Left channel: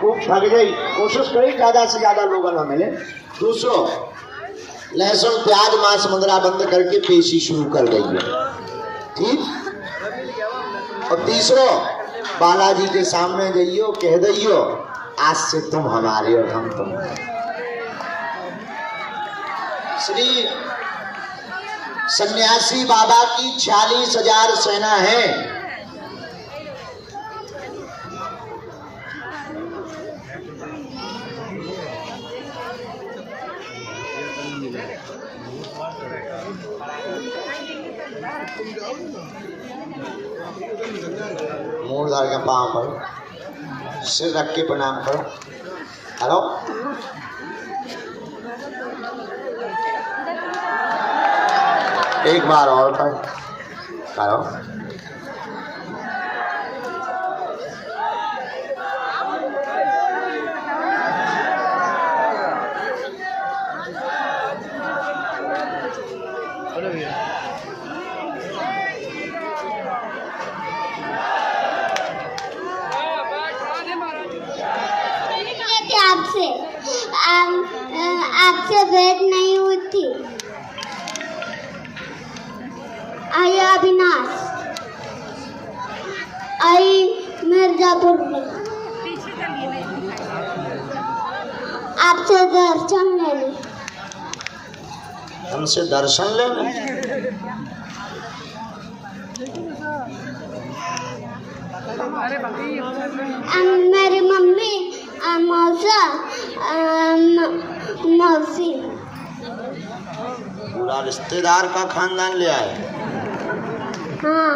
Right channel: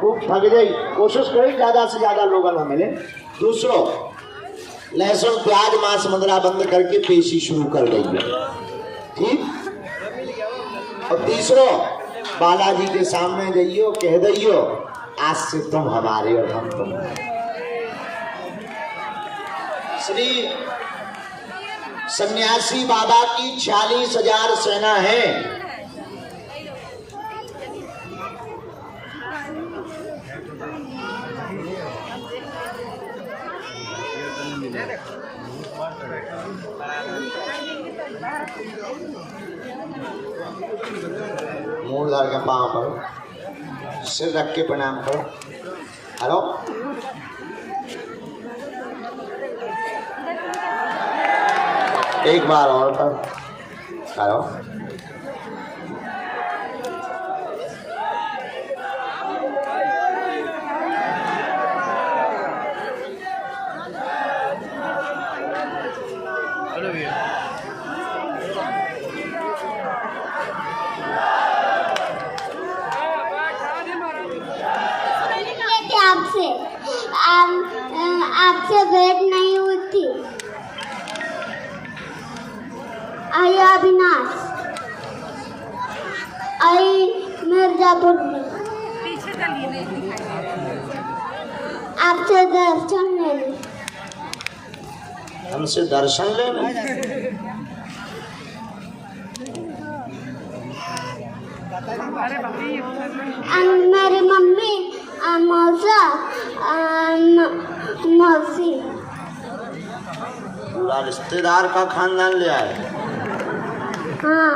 खूब थक गई, कोशिश करी ज्यादा से ज्यादा लोगों में मिले। दूसरों, लहसुन प्याज मांस मुद्रा बंद करके पेशी शुरू कर गई है, ठीक। और तीसरो, बालाजी के सामने जाइयो, कह दियो आज से तुम हमारे और हम तुम्हारे। श्री सन्यासी बाबा की 46,000 सेना है। मूलधार के पांव करो, सिर रख के प्रणाम करो। हेलो, एक बार और करो। आपसे भेंट नहीं हुई थी। आइए अविनाश, आई मिर्जापुर में आपसे दर्शन लेने। हमसे दर्शन लेने? मेरी मम्मी, मौसा, मौसी, पूरा रिश्तेदार का खानदान ले आए। हाँ,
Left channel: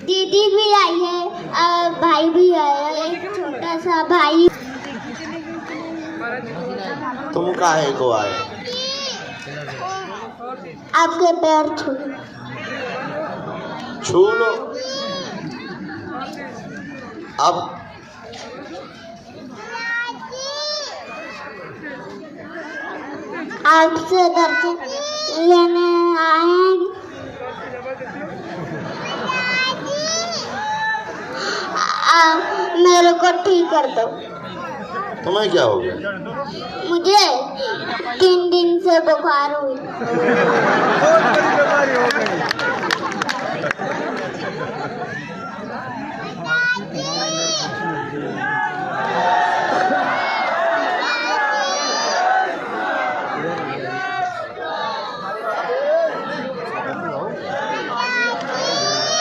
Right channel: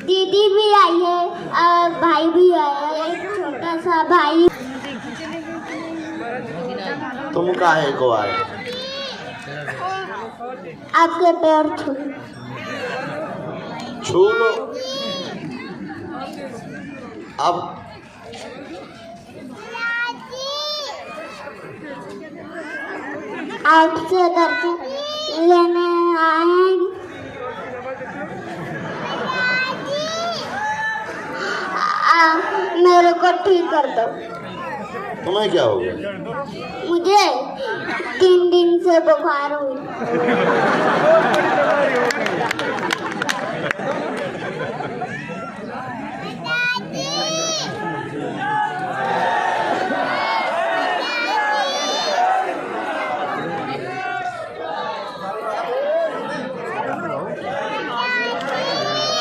दीदी भी आई है और भाई भी आया है, एक छोटा सा भाई। तुम काहे को आए? आपके पैर छू लो। अब आपसे दर्शन लेने आए। मेरे को ठीक कर दो। तुम्हें क्या हो गया? मुझे 3 दिन से बुखार हुई।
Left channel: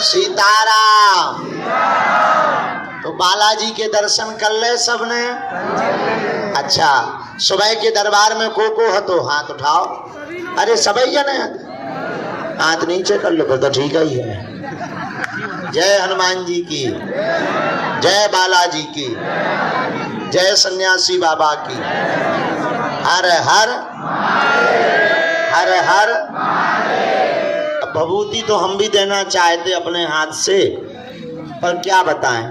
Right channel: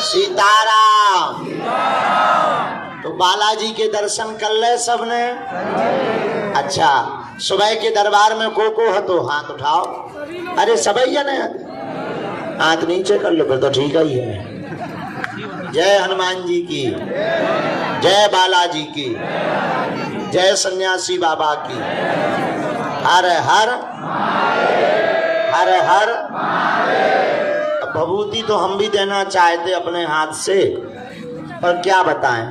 सीताराम। तो बालाजी के दर्शन कर ले सबने? अच्छा, सुबह के दरबार में को हतो हाथ उठाओ। अरे सबई जने हाथ नीचे कर लो, फिर तो ठीक ही है। जय हनुमान जी की, जय बालाजी की, जय सन्यासी बाबा की। हर हर हर हर। भभूति तो हम भी देना चाहते अपने हाथ से, पर क्या बताएं,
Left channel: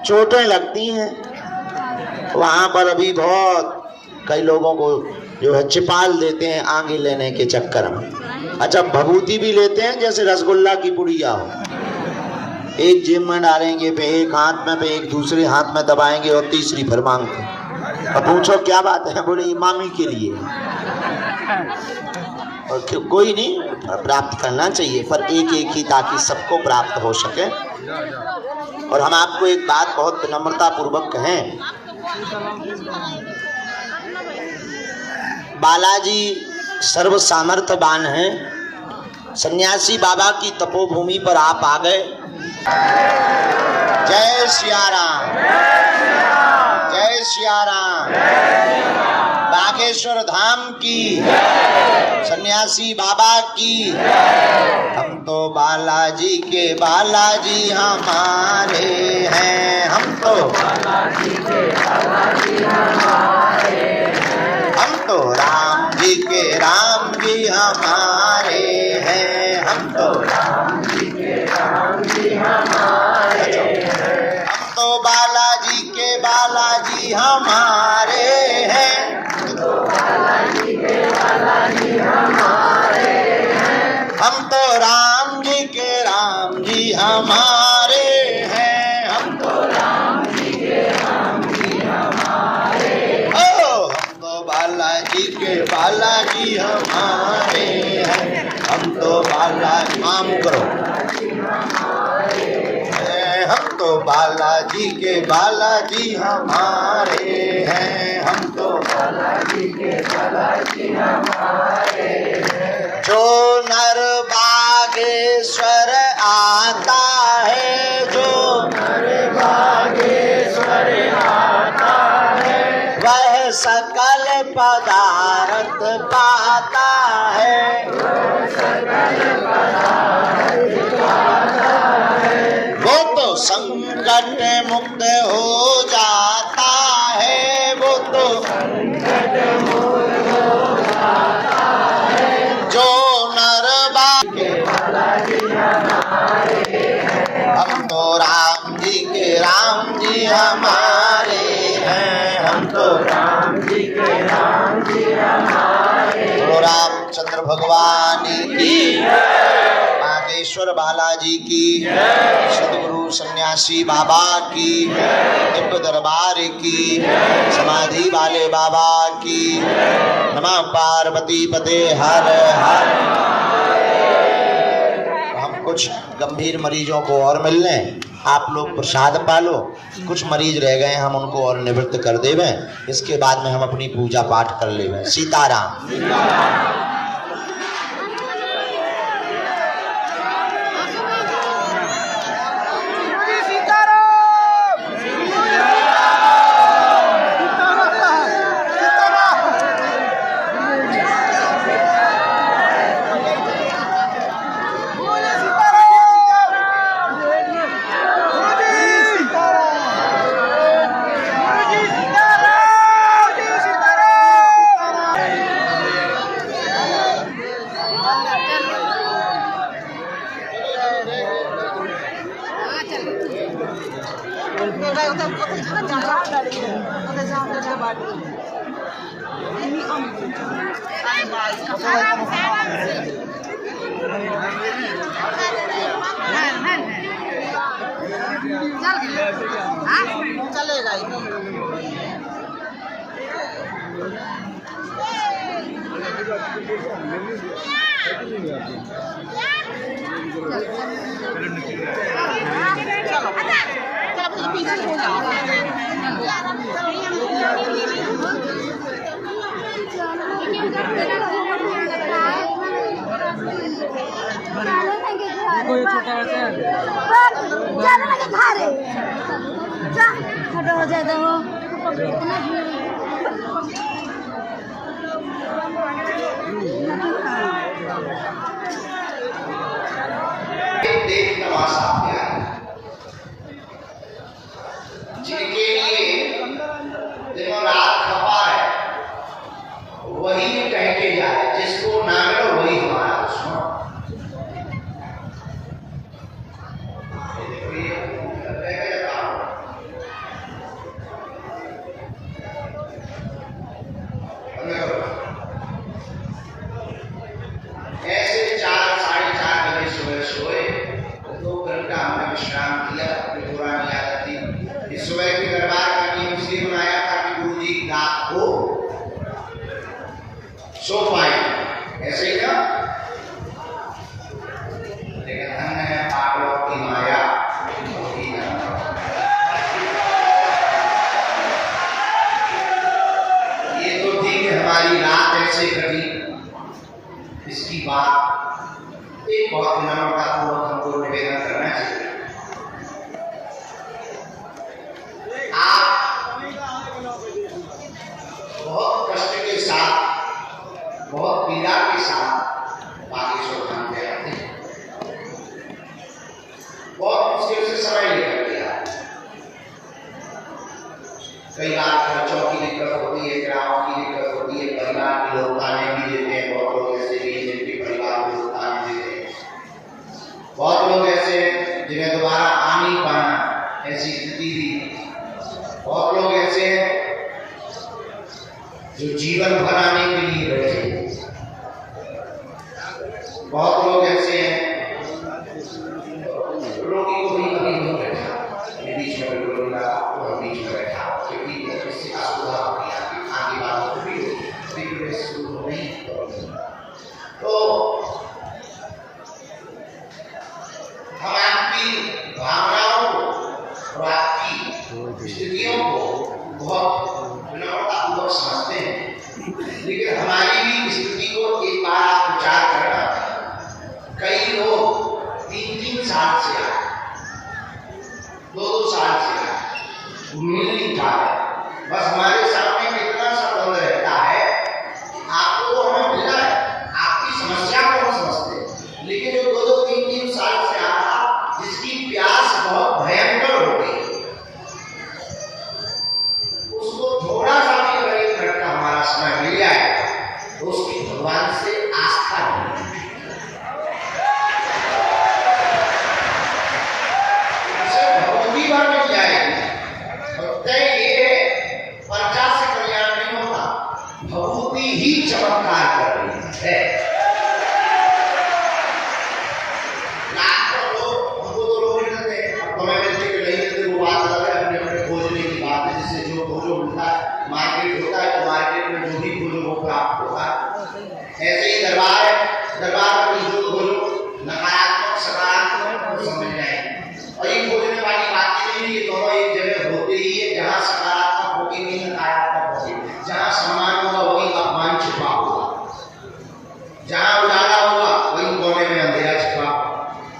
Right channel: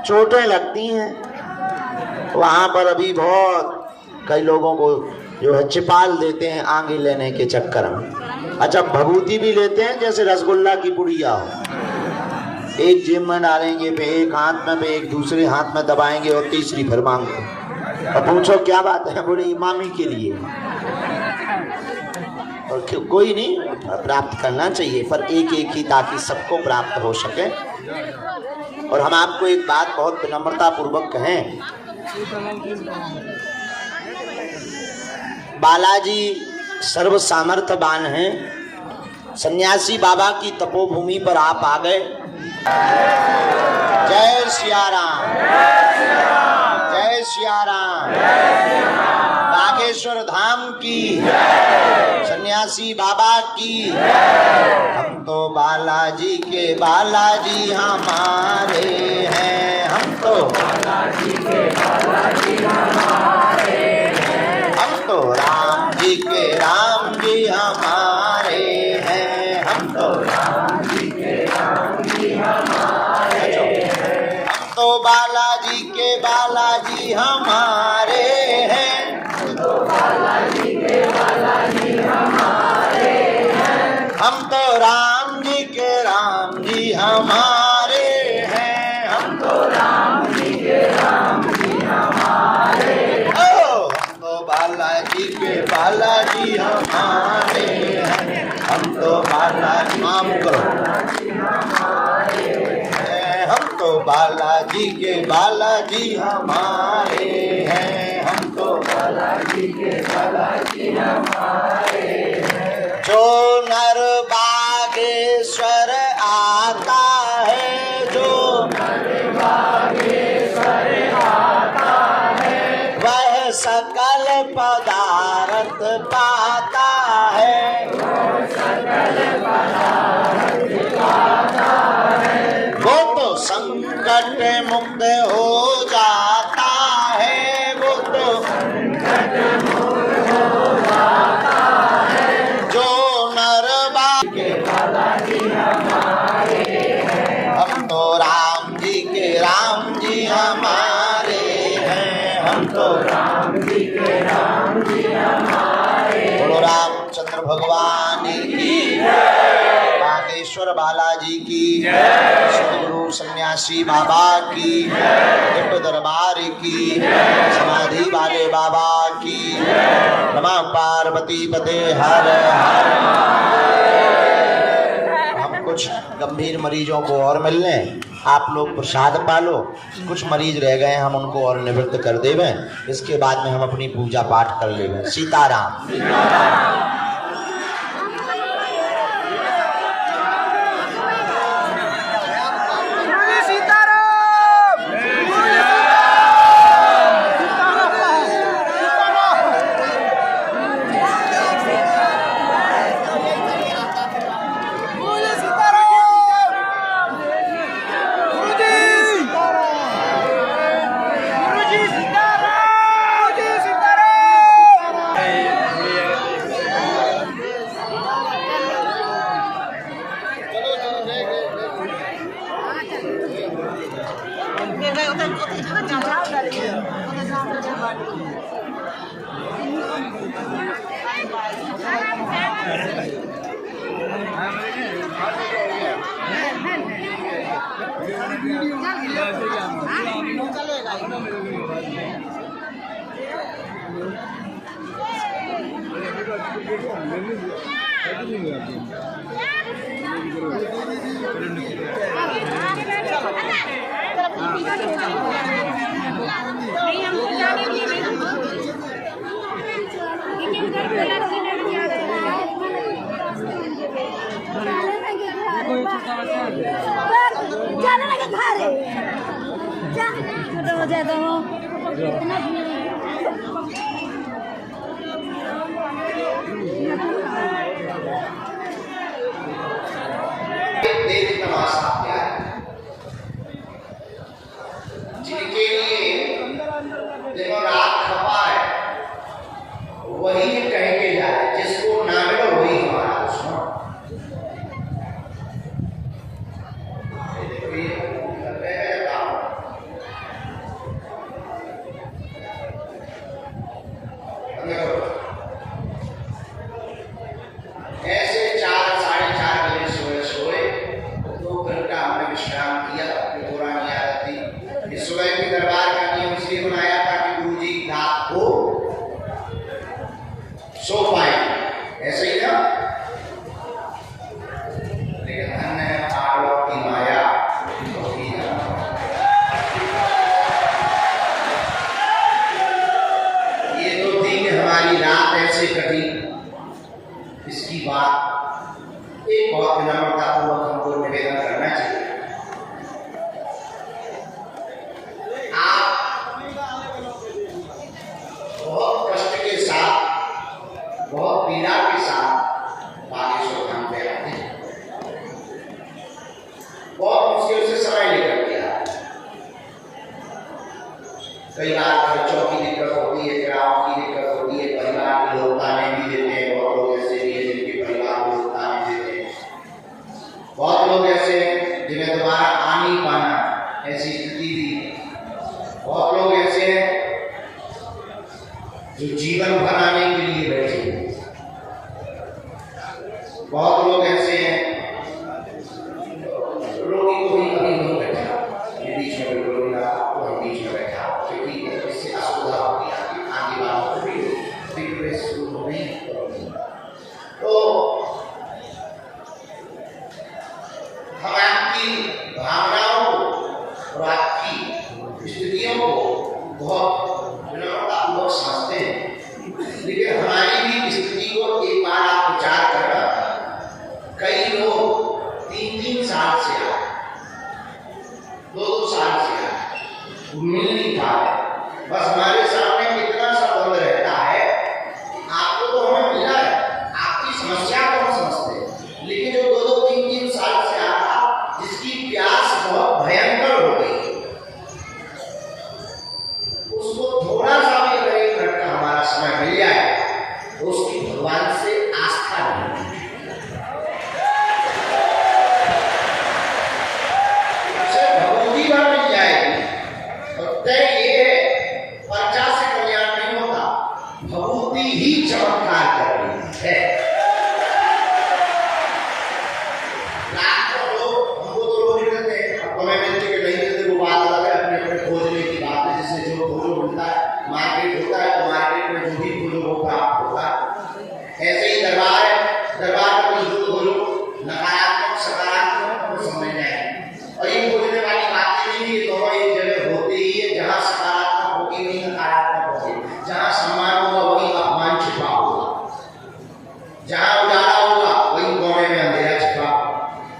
चोटें लगती हैं वहां पर। अभी बहुत कई लोगों को जो है चिपाल देते हैं आगे लेने के चक्कर में। अच्छा, भभूति भी लेते हैं जैसे रसगुल्ला की पुड़िया हो। एक जेब में डालेंगे, पे एक हाथ में, पे एक दूसरे हाथ में दबाएंगे और तीसरी फिर मांगते। और पूछो क्या बात है, बोले इमामी के लिए। और कोई नहीं, प्राप्त करना चाहिए, पर एक एक ही, ताकि सबको प्राप्त हो सके। और हम आपको एक बात बहुत विनम्रता पूर्वक कहें, बालाजी सर्व सामर्थ्यवान हैं। सन्यासी बाबा की तपोभूमि पर आप आ गए। जय सिया राम, जय सिया राम। बागेश्वर धाम की, सन्यासी बाबा की। हम तो बालाजी के बालाजी हमारे हैं, हम तो बालाजी के बालाजी हमारे हैं। हम तो राम जी के राम जी हमारे हैं, हम तो राम जी के राम जी हमारे हैं। हम तो बालाजी के बालाजी हमारे हैं, हम तो बालाजी के बालाजी हमारे हैं। हम तो राम जी के राम जी हमारे हैं, बालाजी के बालाजी हमारे हैं, हम तो बालाजी के बालाजी हमारे हैं। जो नर बागेश्वर आता है, जो नर बागेश्वर आता है, वह सकल पदार्थ पाता है, वह सकल पदार्थ पाता है। वो तो संकट मुक्त हो जाता है, वो तो संकट मुक्त हो जाता है। जो नर के बालाजी हमारे हैं, हम तो राम जी हमारे हैं, हम तो राम जी हमारे। बोलो रामचंद्र भगवान की, बागेश्वर बालाजी की, सदगुरु सन्यासी बाबा की, दिव्य दरबार की, समाधि वाले बाबा की। नमः पार्वती पते हर हर। हम कुछ गंभीर मरीजों को और मिल लें, आप लोग प्रसाद पालो। कुछ मरीज रह गए, हम उनको और निवृत्त कर देवें, इसके बाद में हम अपनी पूजा पाठ कर लेवें। सीताराम। जिनके लिए दिनों रात खपा है, वही कह के जाए, जिसको ना मिलो वही हमारा दुश्मन। ऐसे 4 साढ़े 4 बजे सोए 2 घंटा हमने विश्राम किया। पुरानी आदत थी, इस सुबह की दरबार का नियम इसलिए बनाया था कि गुरु जी रात को सो पाए, ऐसे ही ना। लेकिन अन्य है पागलों की माया। ये तो थी कि हमारी रात ऐसे कटी, इसकी बात एक बहुत विनम्रतापूर्वक हमको निवेदन करना चाहिए। आप बहुत कष्ट के साथ, बहुत पीड़ा के साथ बागेश्वर धाम पे आते हैं, बहुत मुश्किल से समय लेकर के आते हैं। कई बार खर्चों की दिक्कत होती है, किरायों की दिक्कत होती है, परिवार के लोग ताने भी देते हैं। बहुत लोग ऐसे भी हैं जिनके परिवार को लोग ताने देते हैं, बहुत लोग ऐसे हैं जिन्हें दोबारा आ नहीं पाना, ऐसी स्थिति भी। बहुत लोग ऐसे हैं जो जीवन भर आने के लिए बैठे हैं। बहुत लोग ऐसे हैं, रोगी को भी कभी नहीं बैठा, ये बीच में बिल्कुल नहीं लगा, वही बीच में बैठा, क्योंकि इससे असुविधा हो गया, आगे वालों को भी शुरू हो नहीं। तो हम आपकी भावनाओं को और मिल नहीं पा रहे। बस हमारे सामने इतना सा द्वंद रहता है, आपको तो हमें मिला है, आपकी समस्या को हम समझते हैं, लेकिन जो 2-2, 3-3 साल से आ रहा, जिसकी प्यास बहुत भयंकर हो गई, उसको थोड़ा सा भी अगर 1 मिनट का हमारा समय मिल जाए तो उसकी भगवान से आस्था नहीं, उसे भगवती बात मिल जाएगी। और तय ये है, पर्चा से कल्याण नहीं होता, भगवती ही चमत्कार कर रही है। लाखों लोग हमको तो लोग मिलते हैं, अब तुम्हें मिलते कि नहीं मिलते वो बात अलग है, अपने अपने खोजने की बात है। जिससे जो खोजो मिलता है, मार्केट होता है तो मार्केट में जो भी खोजो वो प्राप्त होता है। ऐसे ही दरबार है, दरबार में जो खोजो नकारात्मक सकारात्मक वो सब मिल जाएंगे। और ये खोजने वाली बात नहीं है, ये दोनों एक जगह होते ही है, जहाँ सकारात्मक होगी नहीं नकारात्मक होगी, जहाँ सम्मान होगा वही अपमान छिपा होगा, जहाँ उजाला होगा वही कोने में अंधेरा छिपा,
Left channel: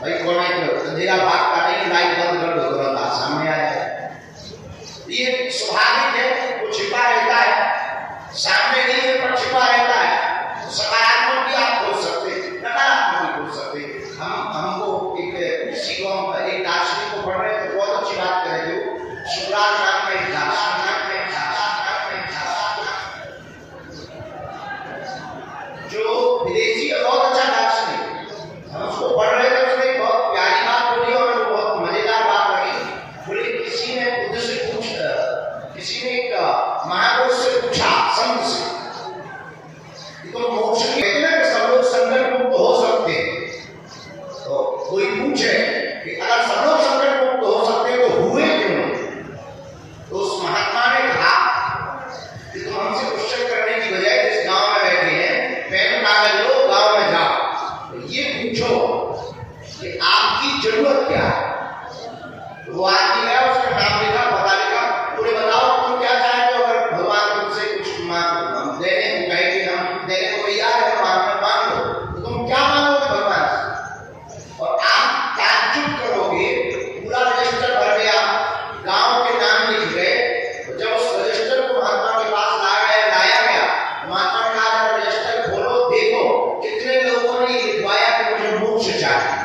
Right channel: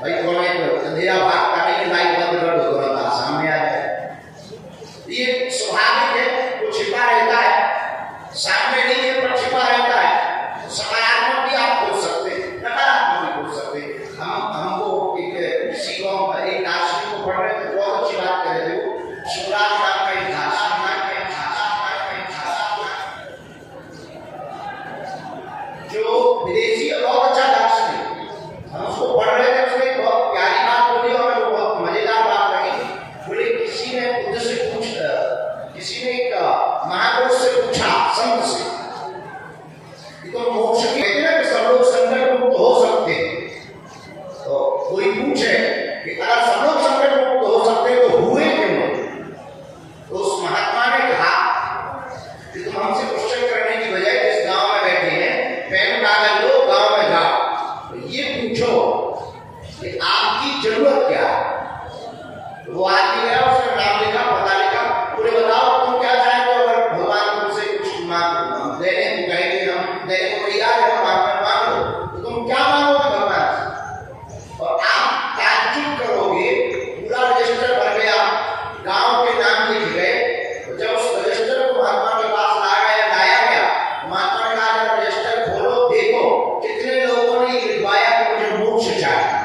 वही कोने में अंधेरा भागता नहीं, लाइट बंद कर दो तुरंत सामने आ जाए। ये स्वाभाविक है, वो छिपा रहता है, सामने नहीं है पर छिपा रहता है। तो सकारात्मक भी आप खोज सकते हैं, नकारात्मक भी खोज सकते हैं। हमको एक दार्शनिक को पढ़ रहे थे, बहुत अच्छी बात कर रहे थे। शिवराज नाम का एक दार्शनिक जो विदेशी है, बहुत अच्छा दार्शनिक, हम उसको पढ़ रहे थे, उसने बहुत प्यारी बात बोली और मेरे को बहुत मजेदार बात लगी। बोले किसी ने बुद्ध से किसी ने एक महापुरुष से पूछा, संत से, तो मोक्ष कहते हैं कि सब लोग संकट मुक्त हो सकते हैं। तो कोई पूछे कि अगर सब लोग संकट मुक्त हो सकते हैं तो हुए क्यों? तो उस महात्मा ने कहा कि तुम हमसे क्वेश्चन करने की बजाय जिस गांव में बैठे हैं, पेन कागज लो, गांव में जाओ, तो ये पूछो कि आपकी जरूरत क्या है। वो आदमी गया, उसका नाम लिखा, पता लिखा, पूरे बताओ तुम क्या चाहते हो। अगर भगवान तुमसे कुछ देने को कहे कि हम देने को तैयार है, मांगो, तो तुम क्या मांगोगे भगवान से? और आप ताज्जुब करोगे, पूरा रजिस्टर भर गया, गांव के नाम लिख गए। तो जब उस रजिस्टर को महात्मा के पास लाया गया, महात्मा ने कहा रजिस्टर खोलो, देखो कितने लोगों ने लिखवाया कि मुझे मोक्ष चाहिए।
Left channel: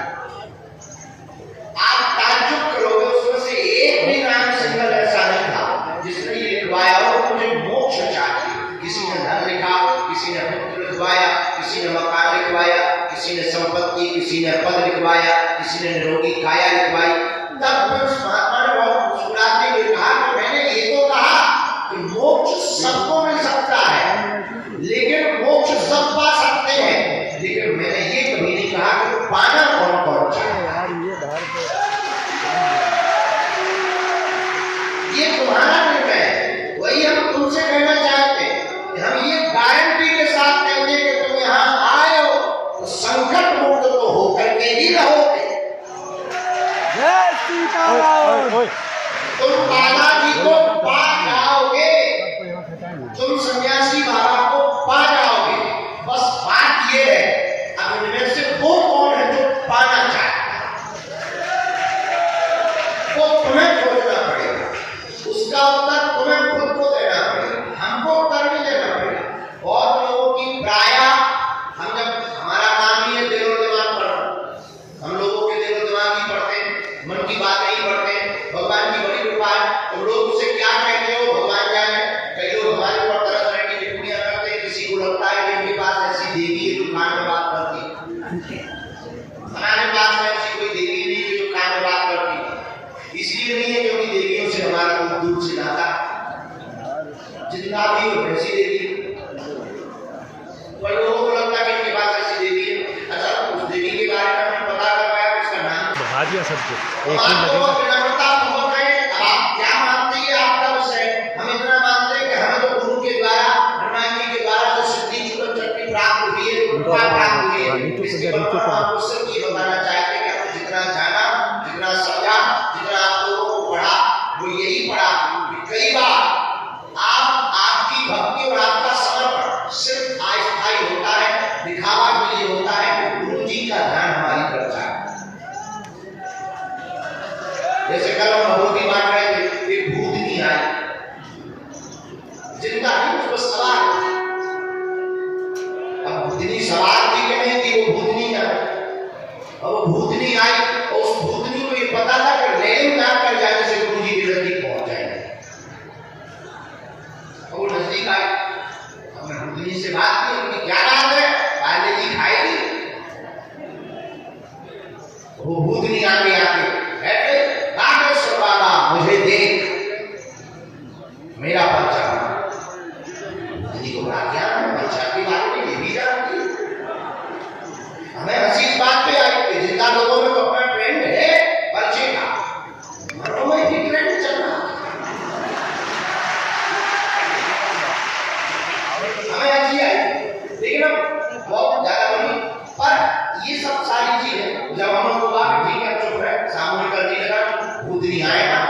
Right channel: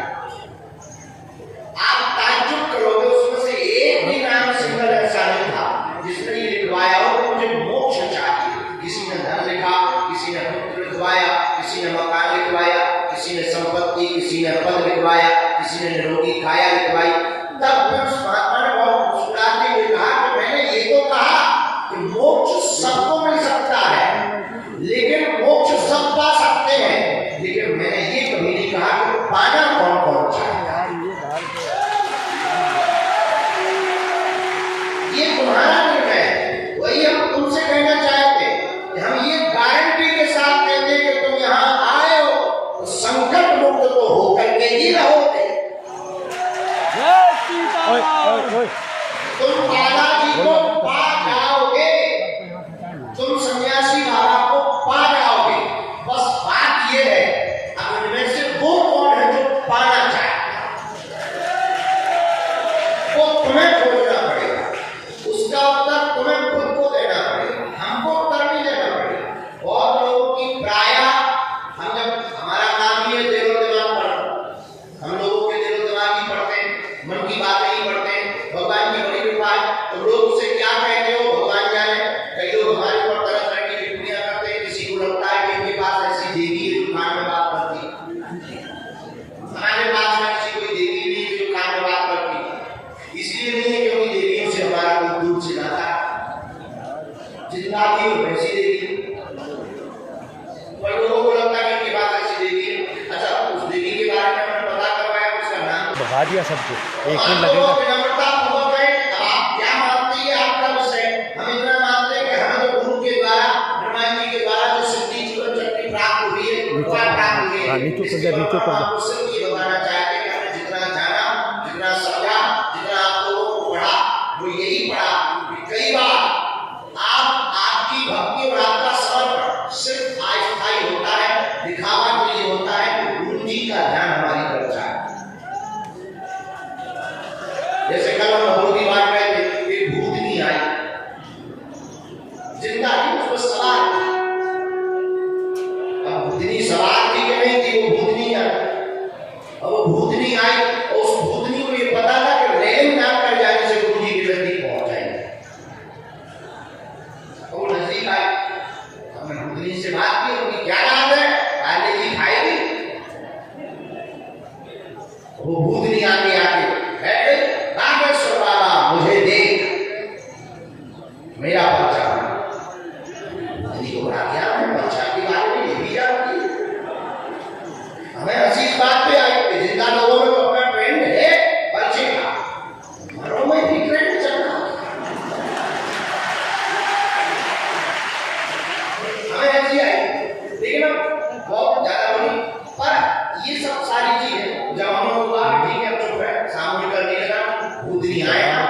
आप ताज्जुब करोगे, उसमें से एक भी नाम सिंगल ऐसा नहीं था जिसने ये लिखवाया हो कि मुझे मोक्ष चाहिए। किसी ने धन लिखा, किसी ने पुत्र लिखवाया, किसी ने मकान लिखवाया, किसी ने संपत्ति, किसी ने पद लिखवाया, किसी ने निरोगी काया लिखवाई। तब उस महात्मा ने बहुत मुस्कुराते हुए कहा कि मैंने ये तो कहा कि मोक्ष सबको मिल सकता है, लेकिन मोक्ष सब पा सकते हैं, लेकिन मैंने ये कभी नहीं कहा कि पाना कौन कौन चाहेगा। ये तुम्हारा निर्णय है। वही हम तुमसे कहना चाहते हैं कि हम ये गारंटी के साथ कहते हैं कि तुम यहाँ आए हो तो संकट मुक्त तो होकर के ही रहोगे। तुम बालाजी को पा जाओगे, तुम सन्यासी बाबा को पा जाओगे। बस बात ये है, अब इनमें से वो कौन है जो पाना चाहता है, वो तुम्हें खोजना पड़ेगा, उसका उत्तर तुम्हें खुद को देना पड़ेगा, हमको उत्तर नहीं देना पड़ेगा। बहुत लोगों की प्रायः हम जब हमारा काम ही है दिलो दिमाग पढ़ना, हम लोगों के दिलो दिमाग ही पढ़ते हैं, मन की बात नहीं पढ़ते हैं। भगवान की बड़ी कृपा है, तो लोग उसे क्या कहते हो भगवान जाने। कई लोग हमारे ऊपर तरह तरह की टिप्पणियां करते हैं, किसी को लगता है कि इनके पास ऐसी देवी है जो कान में बात करती है, हमारे पास में ऐसी कोई देवी नहीं है जो कान में बात करती है। इसलिए नहीं है क्योंकि देवियों से हमारा कोई दूर से नाता, जितना भी हो वैसी देवी। पर लोगों को लगता है कि इनके पास ऐसी देवी है। अच्छा, उस देवी के बारे में हमें पता करवाया, उसका नाम बता दिया सबको। आप क्या मानते हैं आपका विषय। हम इतना मानते हैं कि हमें तो गुरु के द्वारा, हनुमान जी के द्वारा जो सिद्धि जीवन शक्ति प्राप्त हुई है, प्राप्त हुई है। आपको सिर्फ ये बताना चाहते हैं कि हमने जितना जाना, जितना समझा, जितना आप लोगों को पढ़ा, वो यही पढ़ा कि कई बार आपकी भक्ति और आपका समर्पण सिर्फ अस्थायी होता है, दिखावा के लिए होता है, गुरु जी का ध्यान हमारी तरफ जाए। जैसे कल हम भगवती बात रहे थे, एक भूतनी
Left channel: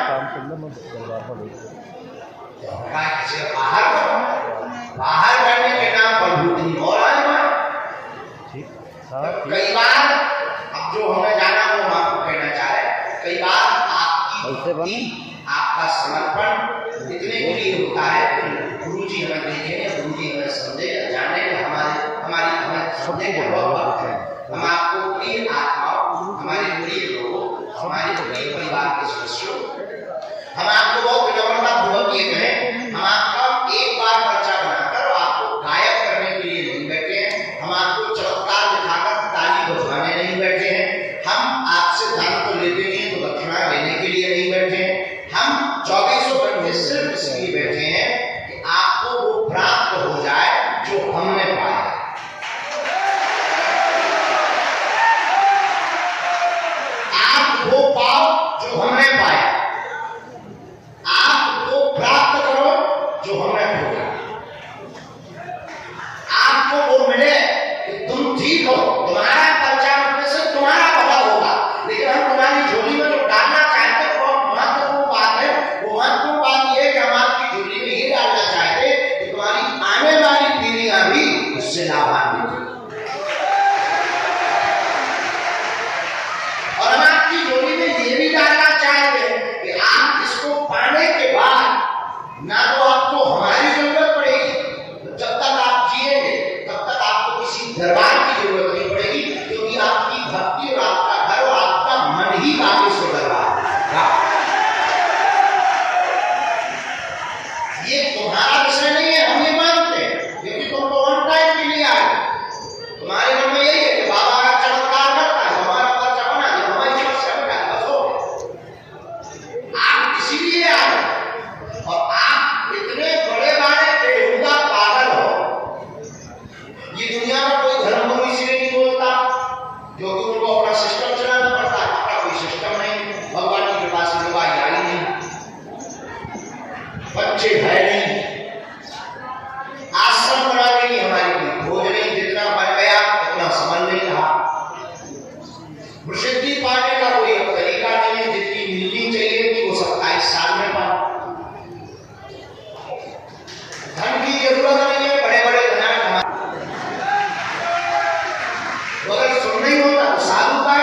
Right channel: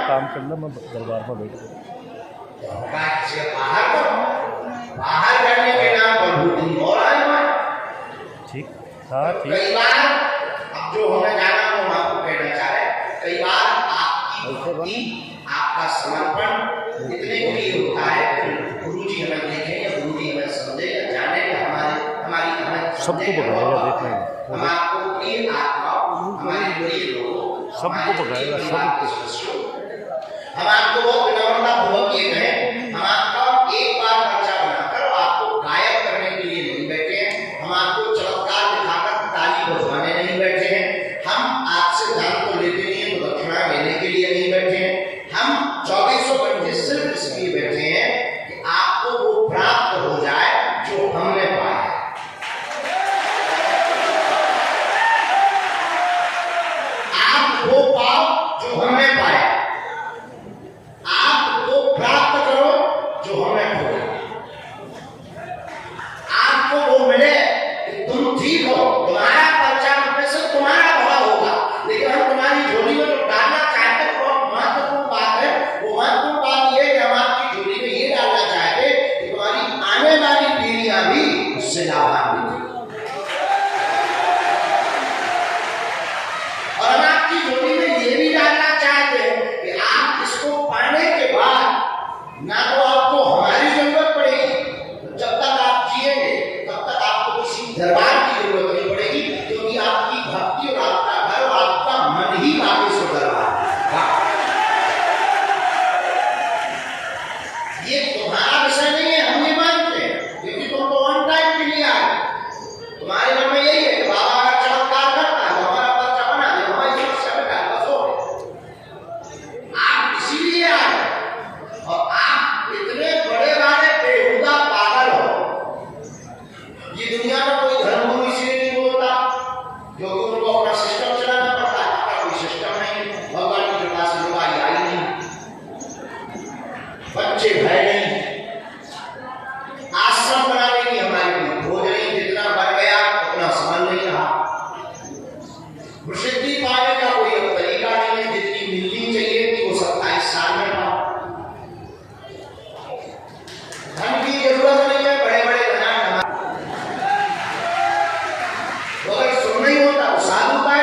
काम कर लो, मैं दरबार पर बैठ किसी बाहर करो, बाहर करने के नाम पर बुद्धि और आए हुए। ठीक था, ठीक। कई बार अब जो हमें जाना वो हम आपको कहना चाह रहे हैं, कई बार आपका समर्पण इतने के लिए होता है कि गुरु जी हमें देखें या गुरु जी हमें समझे या जाने या हमारी हमें समझे, हम आपको प्रिय आत्माओं, हमारे प्रिय लोगों, हमारे प्रिय परिवार के सदस्यों, हम आपको बहुत विनम्रता पूर्वक ये कहें, हम आपका एक बार पर्चा बनाकर आपको गायब करने के लिए नहीं बैठे हैं, हम आपको चमत्कार दिखाकर ताली बजवाने नहीं बैठे हैं, हम आपसे दान तो लेते नहीं है तो दक्षिणा लेने के लिए नहीं बैठे हैं, हम 24 घंटे सिर्फ इसलिए बैठे हैं कि आपको वो प्राप्त हो जाए जो हमने पाया। आप वो पाओ जो हमने पाया, आप वो प्राप्त करो जो हमने खोजा, आपको वो मिले कि तुम ठीक हो, तुम्हारा पर्चा में से तुम्हारा भला होगा, लेकिन हम तुम्हारी झोली में जो डालना चाहते हैं वो महत्वपूर्ण बात है। वो महत्वपूर्ण बात ये है कि हम आपकी झोली में ये डालना चाहते हैं कि तुम्हारी आने वाली पीढ़ियां भी उससे लाभान्वित हो, और हम आपकी झोली में ये भी डालना चाहते हैं कि आप इसको पाने के बाद ना तो आपको हमारी जरूरत पड़ेगी, जब तक आप जिएंगे तब तक आपको किसी दरबार की जरूरत नहीं पड़ेगी, क्योंकि आपकी भक्ति और आपका घर और आपका मन ही बाकी से दरबार है। ये तुम्हारा विषय नहीं है, हम ये मानते हैं, क्योंकि तुम तो वन टाइम के लिए आए, तुम्हारे मन में यही है कि बाबा अगर चमत्कार करता है तो हमारा पर्चा बना दे, हमारी समस्या मिटा दे, बस हो गया। आप इसीलिए आए, और आप इतने बड़े बड़े बेहुदा पागल हो। ये दुनिया में कोई धर्मगुरु इसलिए नहीं बोलता क्योंकि उनको अपना सिस्टम चलाना पड़ता है, अपना कोई सिस्टम नहीं, भगवान की कृपा से लोग आई नहीं, बच्चे है नहीं, आश्रम बनाने की हमारी कोई खोज नहीं, जितना बन गया उतना समझ नहीं रहा, प्रसिद्धि पाने का कोई तरीका नहीं है, जितनी मिलनी चाहिए थी वो 27 साल में पाया। धन की जरूरत नहीं है, बड़े बड़े धनाढ्य अगर सुन नहीं होता तो साधु का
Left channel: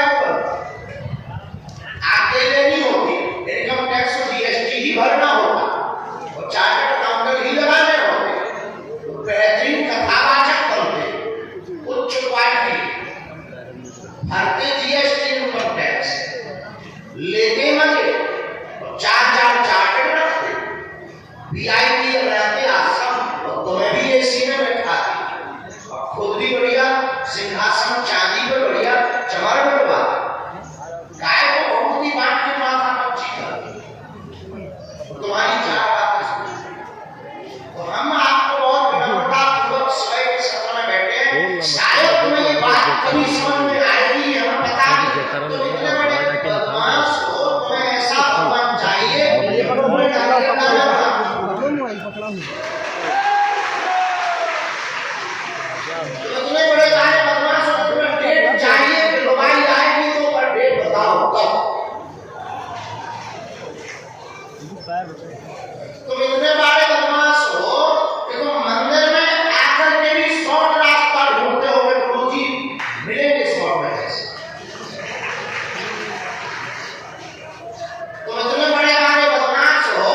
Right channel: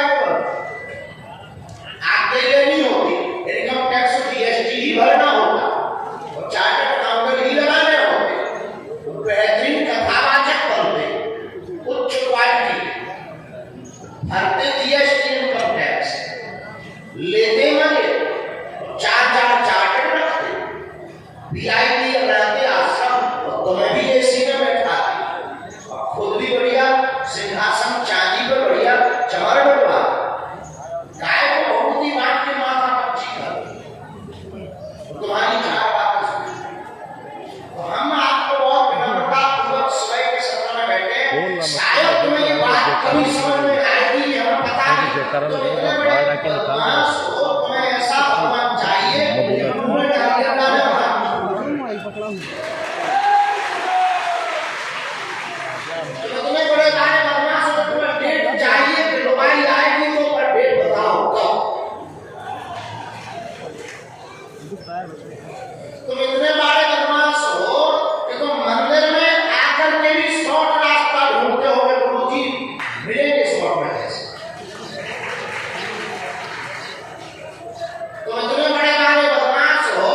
आगे लेनी होती, इनकम टैक्स जीएसटी ही भरना होता और चार्टर्ड अकाउंटेंट ही लगाने होते, बेहतरीन कथावाचक बनते, उच्च क्वालिटी भरते जीएसटी इनकम टैक्स लेते मजे और 4 चार्टर्ड रखते, वीआईपी बनाते आश्रम, और तुम्हें भी एसी में बैठाते और खुद भी बढ़िया सिंहासन चांदी पर बढ़िया चमर बनवा, गाय को बहुत ही बांट के माथा पच्ची कर तुम्हारी 4 बातें सुनी। तो हम आपको बहुत विनम्रता पूर्वक स्वयं के सत्ता में बैठे हैं, शायद तुम्हें ये बात कभी समझ में आएगी, हमें पता नहीं, तो इतने बड़े बदमाश हो, तुम्हें ऐसा भगवान चाहिए मुंह में डालिए दाना बना, इतने बड़े बड़े बदमाश हो तो तुम्हें डेट चाहिए कि लुगाई आएगी तो पर डेट बताओ कब। तुम इतने बड़े बदमाश हो कि तुम मंदिर में आकर के भी शॉर्ट रास्ता ढूंढते हो, गुरुजी मिलेंगे शॉर्ट में कैसे। तुम इतने बड़े बदमाश हो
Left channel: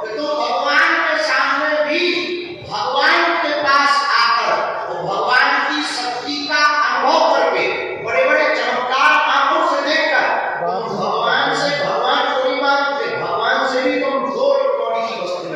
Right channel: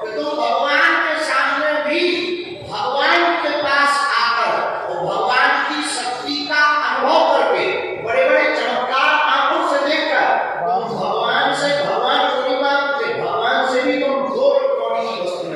कि तुम भगवान के सामने भी भगवान के पास आकर और भगवान की शक्ति का अनुभव करके बड़े बड़े चमत्कार आंखों से देखकर तुम भगवान से भगवान को नहीं मानते, भगवान से भी तुम 2 कौड़ी की वस्तु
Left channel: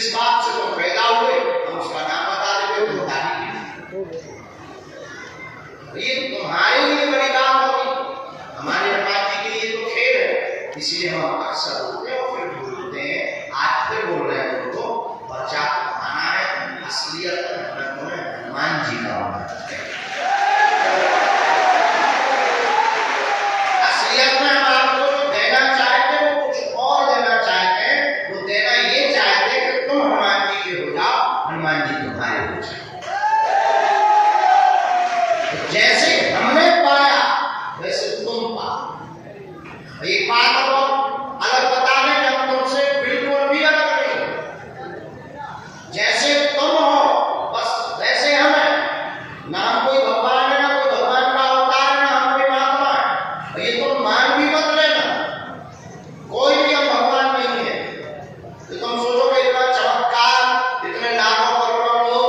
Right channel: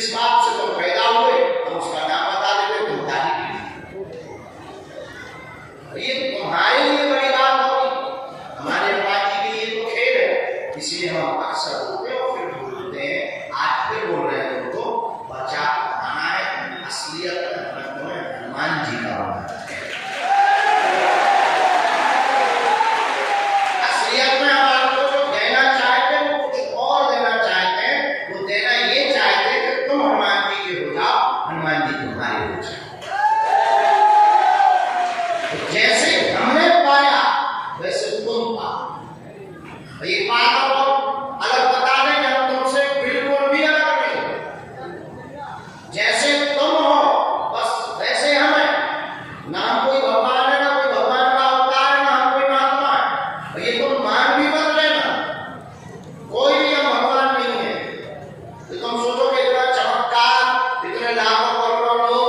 जिस बात से तुम पैदा हुए हम उसका नाम बता देते तुम दादी ये तुम्हारे लिए बड़ी बात होगी, हमारे हनुमान जी के लिए तो खेल है, इसलिए हम अक्सर बोलते हैं और फिर बोलते हैं। आज फिर बोल रहे हैं उनको बचा आना है, असलियत हनुमान जी का होना है। असलियत में हम आपको जो देना चाहते हैं वो कुछ और देना चाहते हैं, वो देना ये चाहते हैं कि तुम हनुमान जी के हो जाओ, हनुमान जी तुम्हारे हो जाओ। जैसे हमने पाया वैसे तुम पाओ। ये बात और अलग बता दें कि हम तुमसे बिल्कुल भी अलग नहीं, जैसे तुम हो बस वैसे हम हैं। ना हम कोई भगवान है, ना कोई भगवान का अवतार है, ना हम कोई महात्मा है। ये तुम मान भी मत लेना, कोई भी हम भगवान नहीं है। तो तुम सोचो कि इतना चमत्कार, इतने लाखों करोड़ों लोग,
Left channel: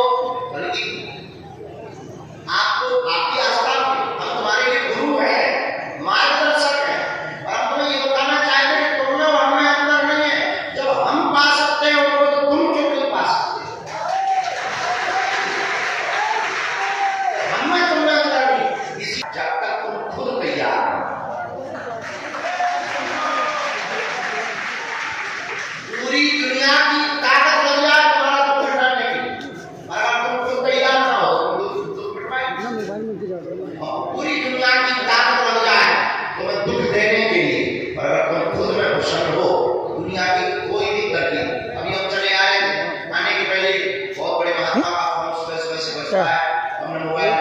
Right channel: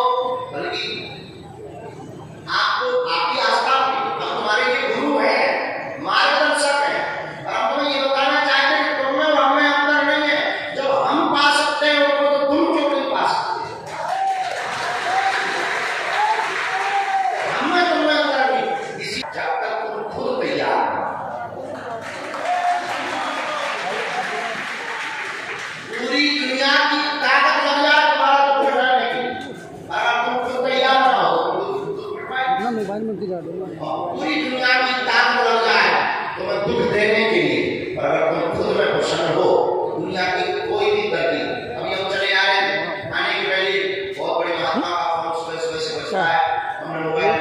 बल्कि आपको आपकी आस्था हम तुम्हारे लिए गुरु है, मार्गदर्शक है, और हम तुम्हें ये बताना चाहते हैं कि तुम में और हमें अंतर नहीं है। जब हम पा सकते हैं उनको तो तुम क्यों नहीं पा सकते? हमें तुम में अंतर नहीं, इसी जब तक तुम खुद तैयार हो। पूरी दुनिया की ताकत लग जाए तुम्हारा तो फिरने की, अगर तुम खुद तैयार ना हो पूरी दुनिया की ताकत लग जाए तुम्हें दुख देने के लिए, और अगर तुम खुद में प्रसन्न हो दुनिया की कोई भी तरकीब। अभी हम चले आ रहे थे, आने के पहले बहुत बड़े महात्मा का फोन सुबह से बजता है, हमने मोबाइल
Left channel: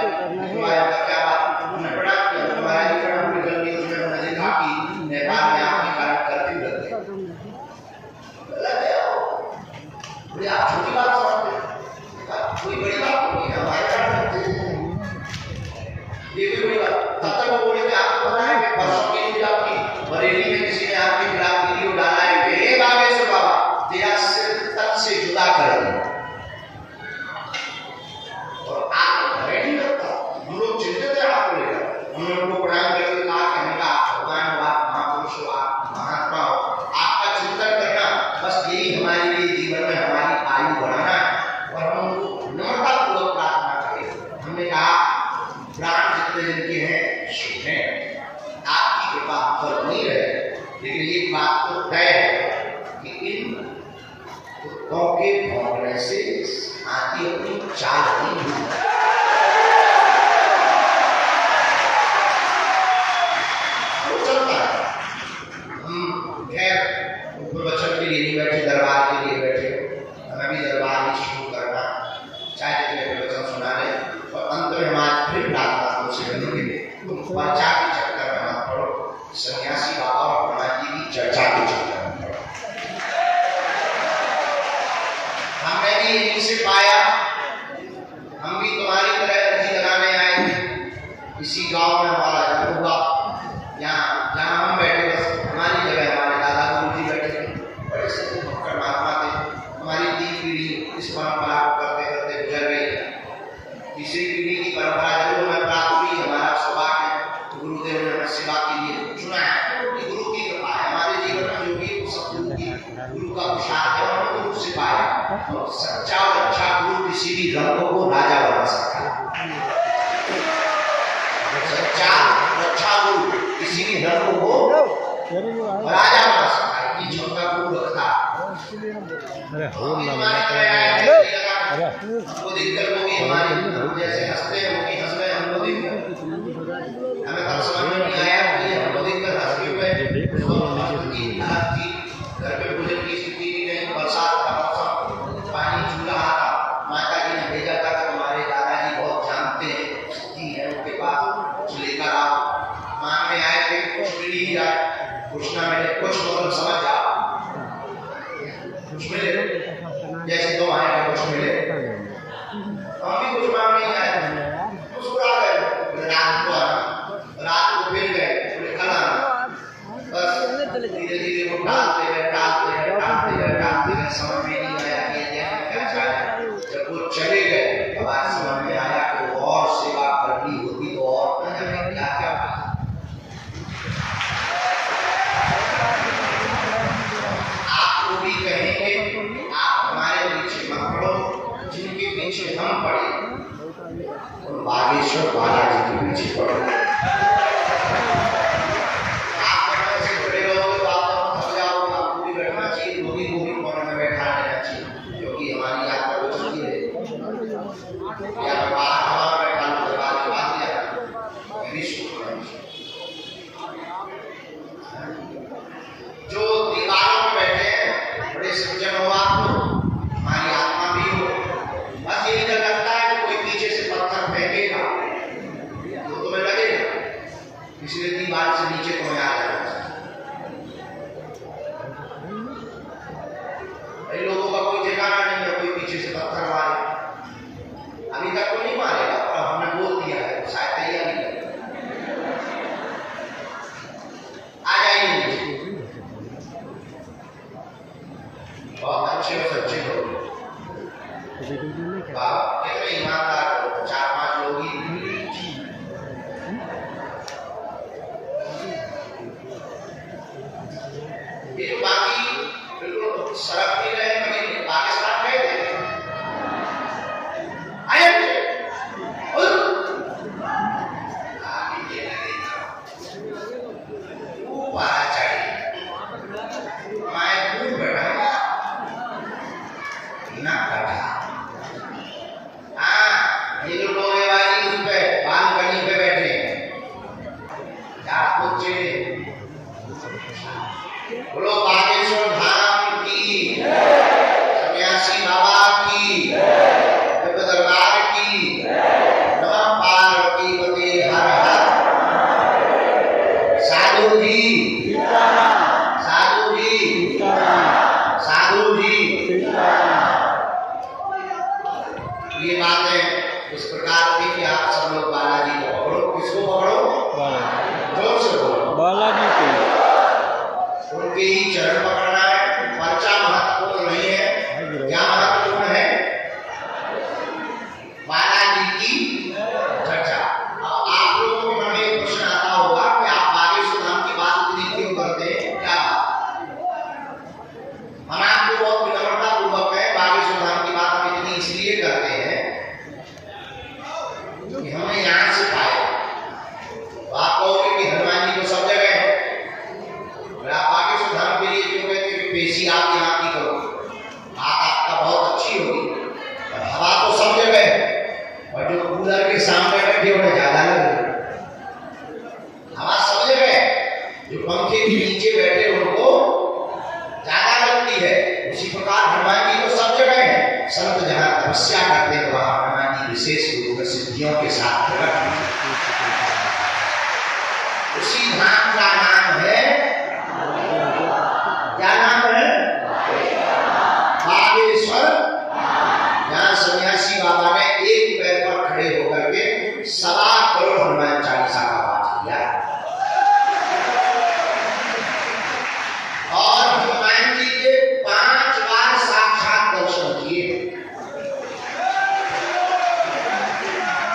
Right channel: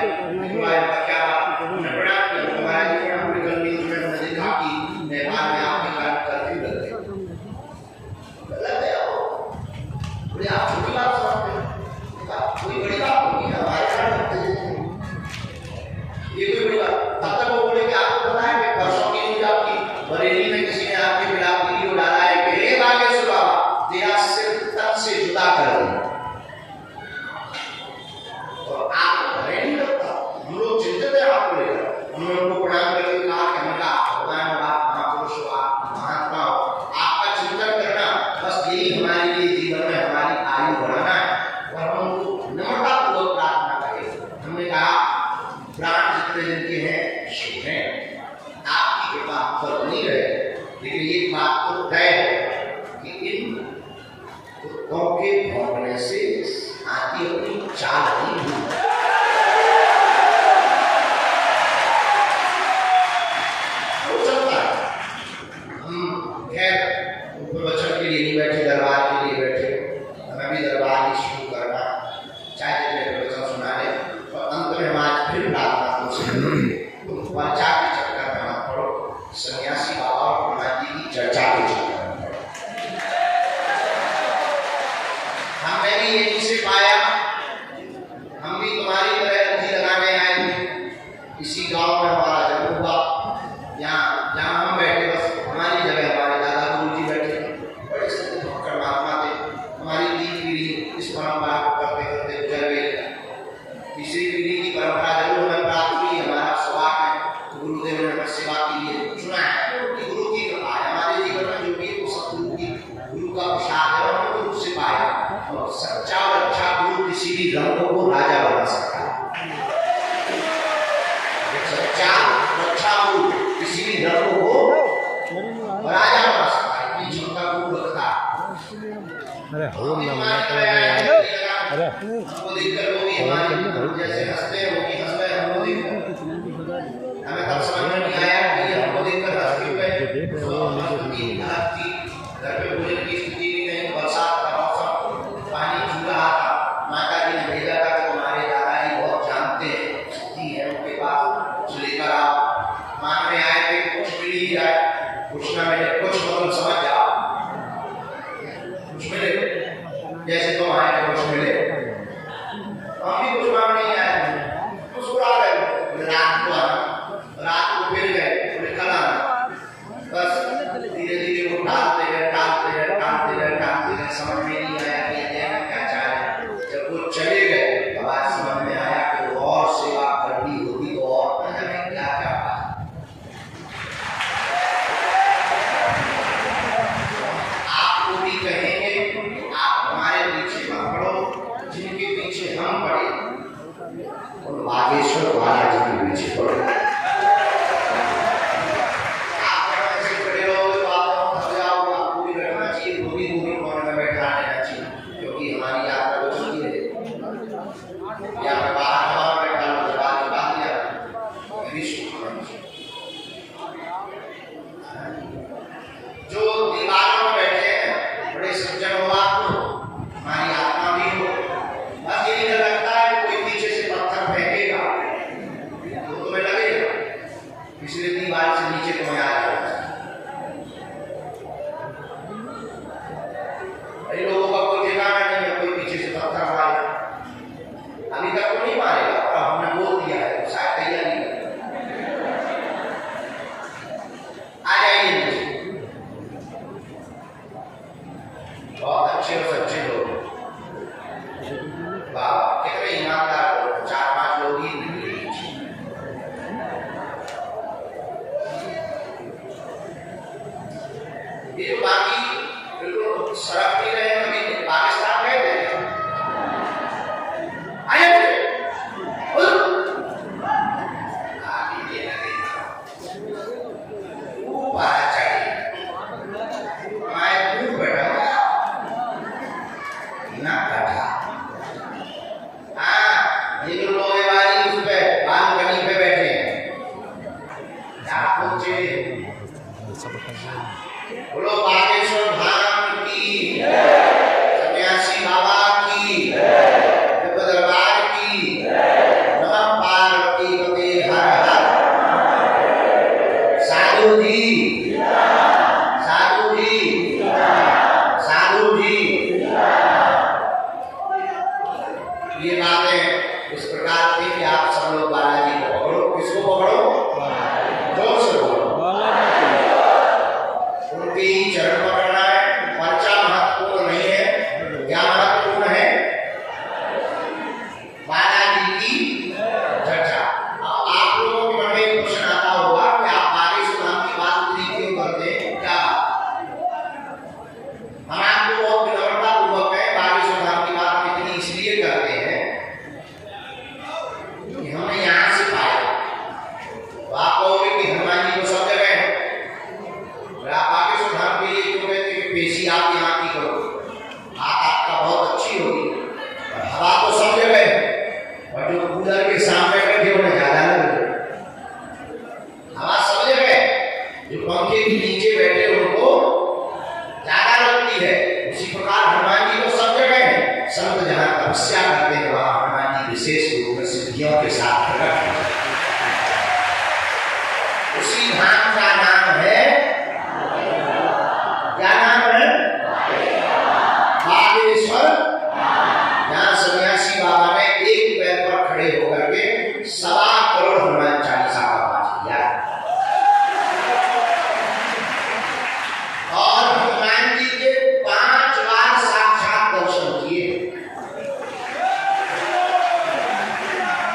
का क्या बात हमने पढ़ा कि हमारे जीवन पूरी गली में हमने देखा कि नेपाल में आपकी कार्य करती रहती गलत है। बोले आप छोटी बात समझते हैं, कोई बड़ी बात नहीं है हमारे कार्य ये कोई बड़ी बात। तब तक वो बोले कि आपको पता है कि परसों की न्यूज़ आपकी बरेली में किसी ने आपके खिलाफ वीडियो डाला है कि हे बागेश्वर बाबा तेरा सिर तक से जुदा कर दिया, और आपको भय नहीं लगता। हम लोग चिंतित है आपको लेकर, हमने उनको प्रणाम करके कहा कि हमका भगवान हो, आप महापुरुष हो, आप महात्मा हो, आपका चिंतन करना बस यही हमारे लिए जीवन में हमारी आयु बढ़ाना है, और हम उनको नम्रतापूर्वक प्रार्थना करें। हमने कहा प्राण जितने दिन के हैं सुने, आपकी कृपा पर नहीं रहे, लेकिन एक बात तो तय है कि इन कुत्तों के भौंकने से आती अपनी चाल नहीं हुई। वो चलता है। हम खैर प्रवचन के लिए नहीं बैठे, दरबार के लिए बैठे, हमें भी दरबार ही शुरू करना, चाहे प्रवचन सुना ले, और अंत में हम आज फिर प्रार्थना तुम पर्चा के चक्कर में मत पड़ो, सन्यासी बाबा और हनुमान जी की चर्चा के चक्कर में पड़ो। हमने भी यहीं से पाया, हम भी तुम्हारी तरह अर्जी लगाने आए थे। इसी गांव में हमारा जन्म हुआ, यहाँ जहाँ हम बैठे बस हमारी जगह हमारे दादा गुरु जी बैठे थे, बड़े से भक्कड़ महात्मा थे। हमारी 3 पीढ़ी इस परंपरा को करते करते गुजर गई। तीसरी पीढ़ी की परंपरा जरूर हमें प्राप्त हुई, हमारा सौभाग्य है। गुरुदेव ने हमें सेवा के लिए चुना है, कि गुरु की कृपा है हमारे जीवन में, जो भी वो सब गुरु का प्रसाद है, हमने गुरु से पाया। और सच्चा और अच्छा गुरु किसी भी रंग को राजा बना सकता है। सच्चा और अच्छा गुरु किसी भी रंग को राजा बना सकता है, इतनी क्षमता गुरु रखता है। अरे हो ना अरे हमको देखकर वो भी हमारी जैसे हंसते हैं, वो भी हंस रहे हैं हमको देखकर। हमें तब समझ में नहीं आया कि हमको देखकर हंसते हुए घर पे भोजन की स्थिति भी नहीं, बरसात का मौसम, पानी चूल रहा था। माता जी ने भेजा था कि तुम्हारे दादाजी बहुत जानते हैं, शक्ति है उनके पास, कुछ लेकर आओ। मांगने आए थे, कुछ मिल ही जाए, कुछ ना मिले, कुछ मतलब समझ जाओ, कुछ मिले जैसे तुम आए थे कुछ मिले। हम भी कुछ मांगने ही आए थे, मुस्कुरा गए। रात को आना, रात को फिर गए, बोले कल आना। बस धीरे धीरे वो टालते गए, टालते गए, टालते गए, टालते गए, समझ में नहीं आया कि ये क्या चाहे। जब वो चले गए तब आज समझ में आया कि वो और सेवा करनी होती तो और न जाने क्या क्या बात। ये जो बाकी बिल्कुल सड़क नहीं रहे, कभी पाकिस्तान गए थे आए थे बोलो बागेश्वर धाम की, सन्यासी बाबा की, दरबार की, नमः पार्वती पते हर हर। साधु जी, साधु जी, साधु जी। ये बातें इस प्रकार थी कि आप सब लोग बालाजी को पकड़ो। किसको पकड़ो? जोर से बोलो। बालाजी को। उनके ही चरण पकड़ना है। पर्चा महत्वपूर्ण नहीं है, क्या महत्वपूर्ण है? बालाजी की चर्चा। अब आप लोगों के मन में एक प्रश्न आता होगा कि आप बागेश्वर धाम की बात इतनी क्यों करते हैं, क्या हम आपको बहुत विनम्रता पूर्वक है बागेश्वर धाम की बात हम इतनी इसलिए करते हैं कि हमने यहाँ से पाया। तो आप कहोगे कि हनुमान जी को सब जगह है, आप बागेश्वर धाम के लिए क्यों कहते कि पेशी आप यहाँ की करो, बात आपका बहुत अच्छी होगी, और हवा तो सब जगह है, और जो कूलर के सामने बैठे उन्हें ज्यादा लगे। हवा सब जगह है, जो पंखे के नीचे बैठे उनको ज्यादा लगती है। उसी प्रकार हनुमान जी को सब जगह है। संत जहाँ तपस्या करते हैं वहाँ हनुमान जी विशेष रूप में सिद्धियों के साथ प्रकट होते हैं। उसी धाम का नाम है, क्या नाम है? बागेश्वर। यहाँ सन्यासी बाबा ने एक पैर पर खड़े होकर के 1.25 करोड़ हनुमान चालीसा का पाठ किया और हनुमान जी के 5 बार साक्षात दर्शन किए।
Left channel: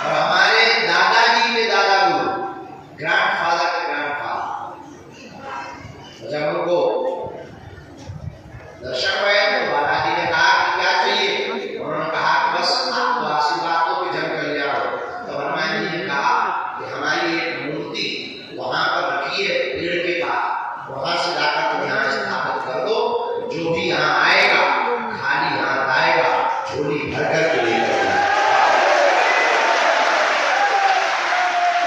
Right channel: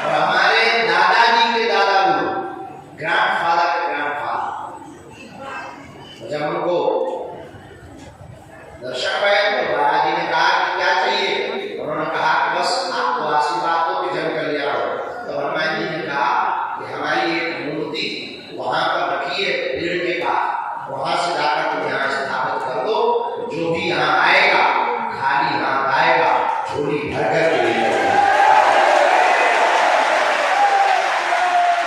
और हमारे दादाजी के दादाजी, ग्रैंडफादर के ग्रैंडफादर, जब उनको दर्शन हुए तो बालाजी ने कहा कि क्या चाहिए? उन्होंने कहा कि बस आपको आशीर्वाद दो कि जन कल्याण हो। तो हनुमान जी ने कहा कि हमारी एक मूर्ति वहां पर रखी है पेड़ के पास, वहां से जाकर तुम यहाँ स्थापित कर दो, जो भी यहाँ आएगा खाली हाथ आएगा, झोली भर कर के लेकर जाएगा।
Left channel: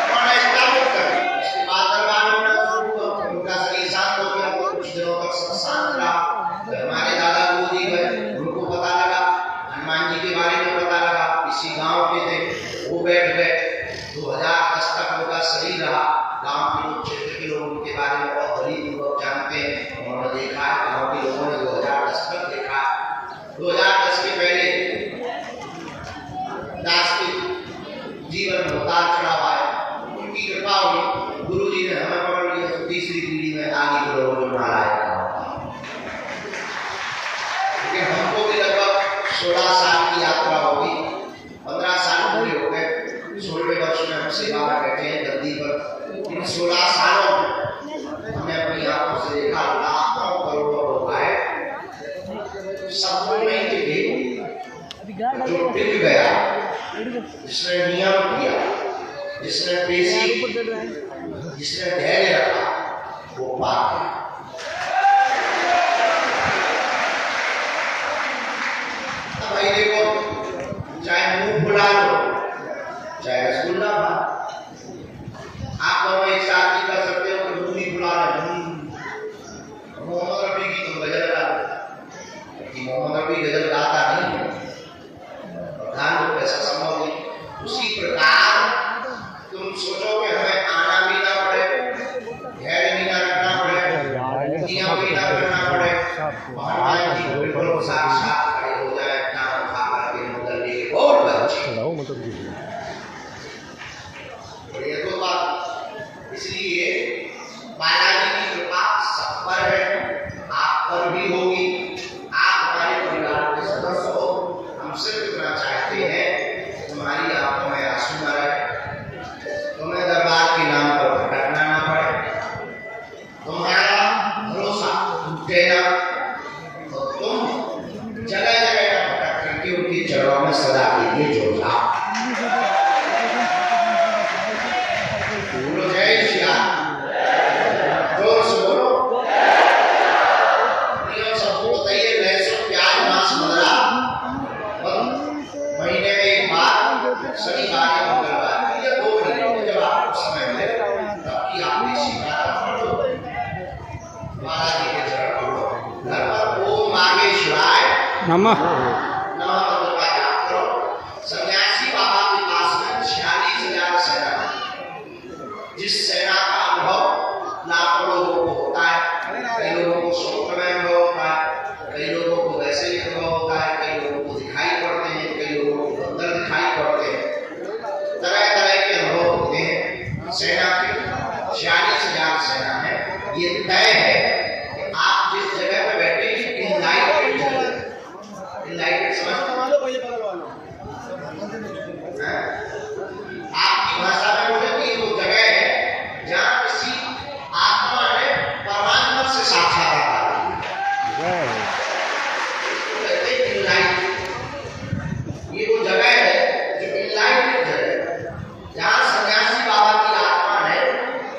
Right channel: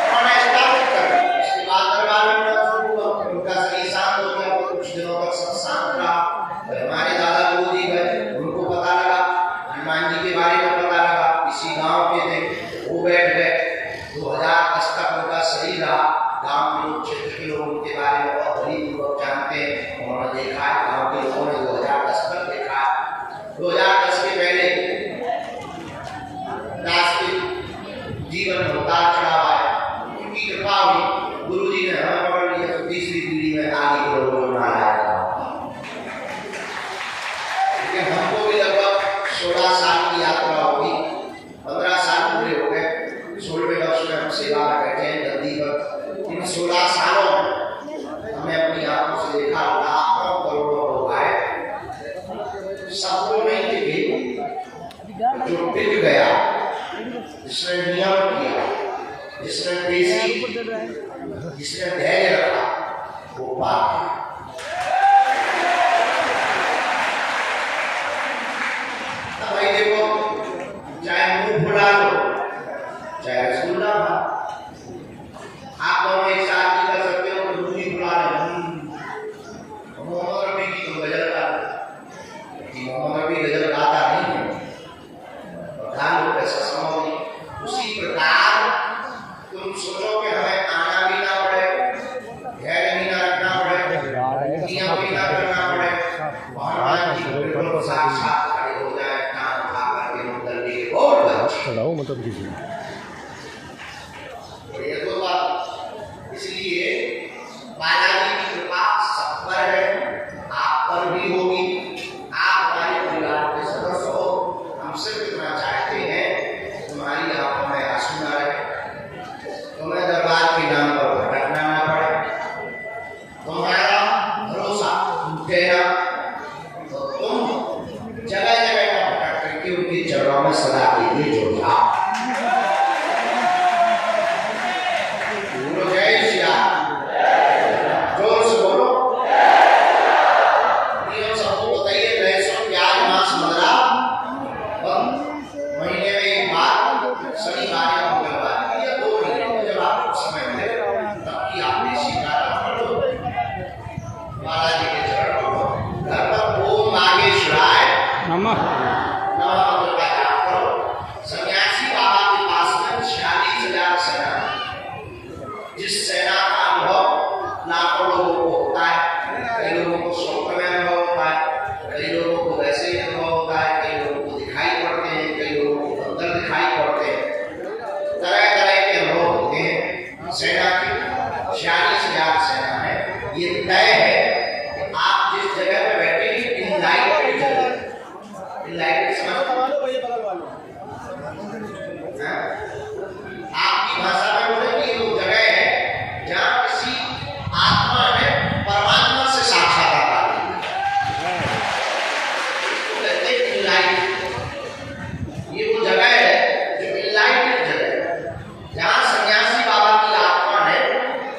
उन्होंने स्थापित कर दी। इसके बाद दरबार में उनका शरीर शांत हो गया, कुछ दिनों तक सब शांत रहा। हमारे दादा गुरुजी गए, उनको पता लगा, हनुमान जी के बारे में पता लगा, किसी गांव के थे, वो बैठ गए। 2010 तक उनका शरीर रहा। गांव के लोग, क्षेत्र के लोग उनके बारे में बहुत बरीपूर्वक जानते हैं। उन्होंने देखा है, गांव के लोगों ने 2010 तक देखा है। 2010 के पहले दास के जीवन में उतार चढ़ाव आया, उनकी कृपा हुई, गुरुजी ने हमें पकड़ लिया तो तीसरी पीढ़ी में आगे के लोगों को नारायण। हमको भी लगभग 16 साल की यात्रा होगी, 15 साल पूरे हो गए। 16वें वर्ष में हम सेवा में बैठे हैं गद्दी पर। इन 16 सालों में हमने अपनी आंखों से देखा लाखों करोड़ों लोग आए, सबको नहीं दिखे। जो टिक गया, जिसने नियम किया, जिसने पेशी की, जिसने धैर्य रखा, वो पार गया। भाई देखो, चाहे मुंह फुला लो, चाहे रसगुल्ला खा, आप दोनों एक साथ ही कर सकते हो। तो मुंह ही फुला ले, मोहम्मद रफी की तुम गजल गा लो, मोहम्मद रफी गजल गाता नहीं है, गान को कैसा संभव नहीं। उसी प्रकार तुम सोचो कि हमें आना भी ना पड़े, धैर्य भी ना रखना पड़े, बालाजी के चरण कमलों में। घर पर ओम नागेश्वराय नमः नमः मंत्र का जाप करो। सन्यासी बाबा के पास में 46,000 सेना है। जिस सेना का अनुभव लाखों लोगों को होता है, कई लोगों को स्वप्न में अनुभव होता है, कई लोगों को वैसे ही अनुभव होता है, कई लोगों को दिखाई पड़ते हैं, कई लोगों को अंदर दिखाई पड़ते हैं, तरह तरह के अनुभव होते हैं। सेना की 46,000 सेना है। ये तय है कि आप जिस जगह पे बैठे इनलाइटेड जगह, इनलाइटेड समझते हैं? आपकी भाषा में बोले कि वो जगह है जहाँ किसी आत्मा ने परमात्मा से साक्षात्कार किया। कहते हैं इनलाइटेड। ये वो जगह है जो इनलाइटेड जगह है, जहाँ सन्यासी बाबा की आत्मा ने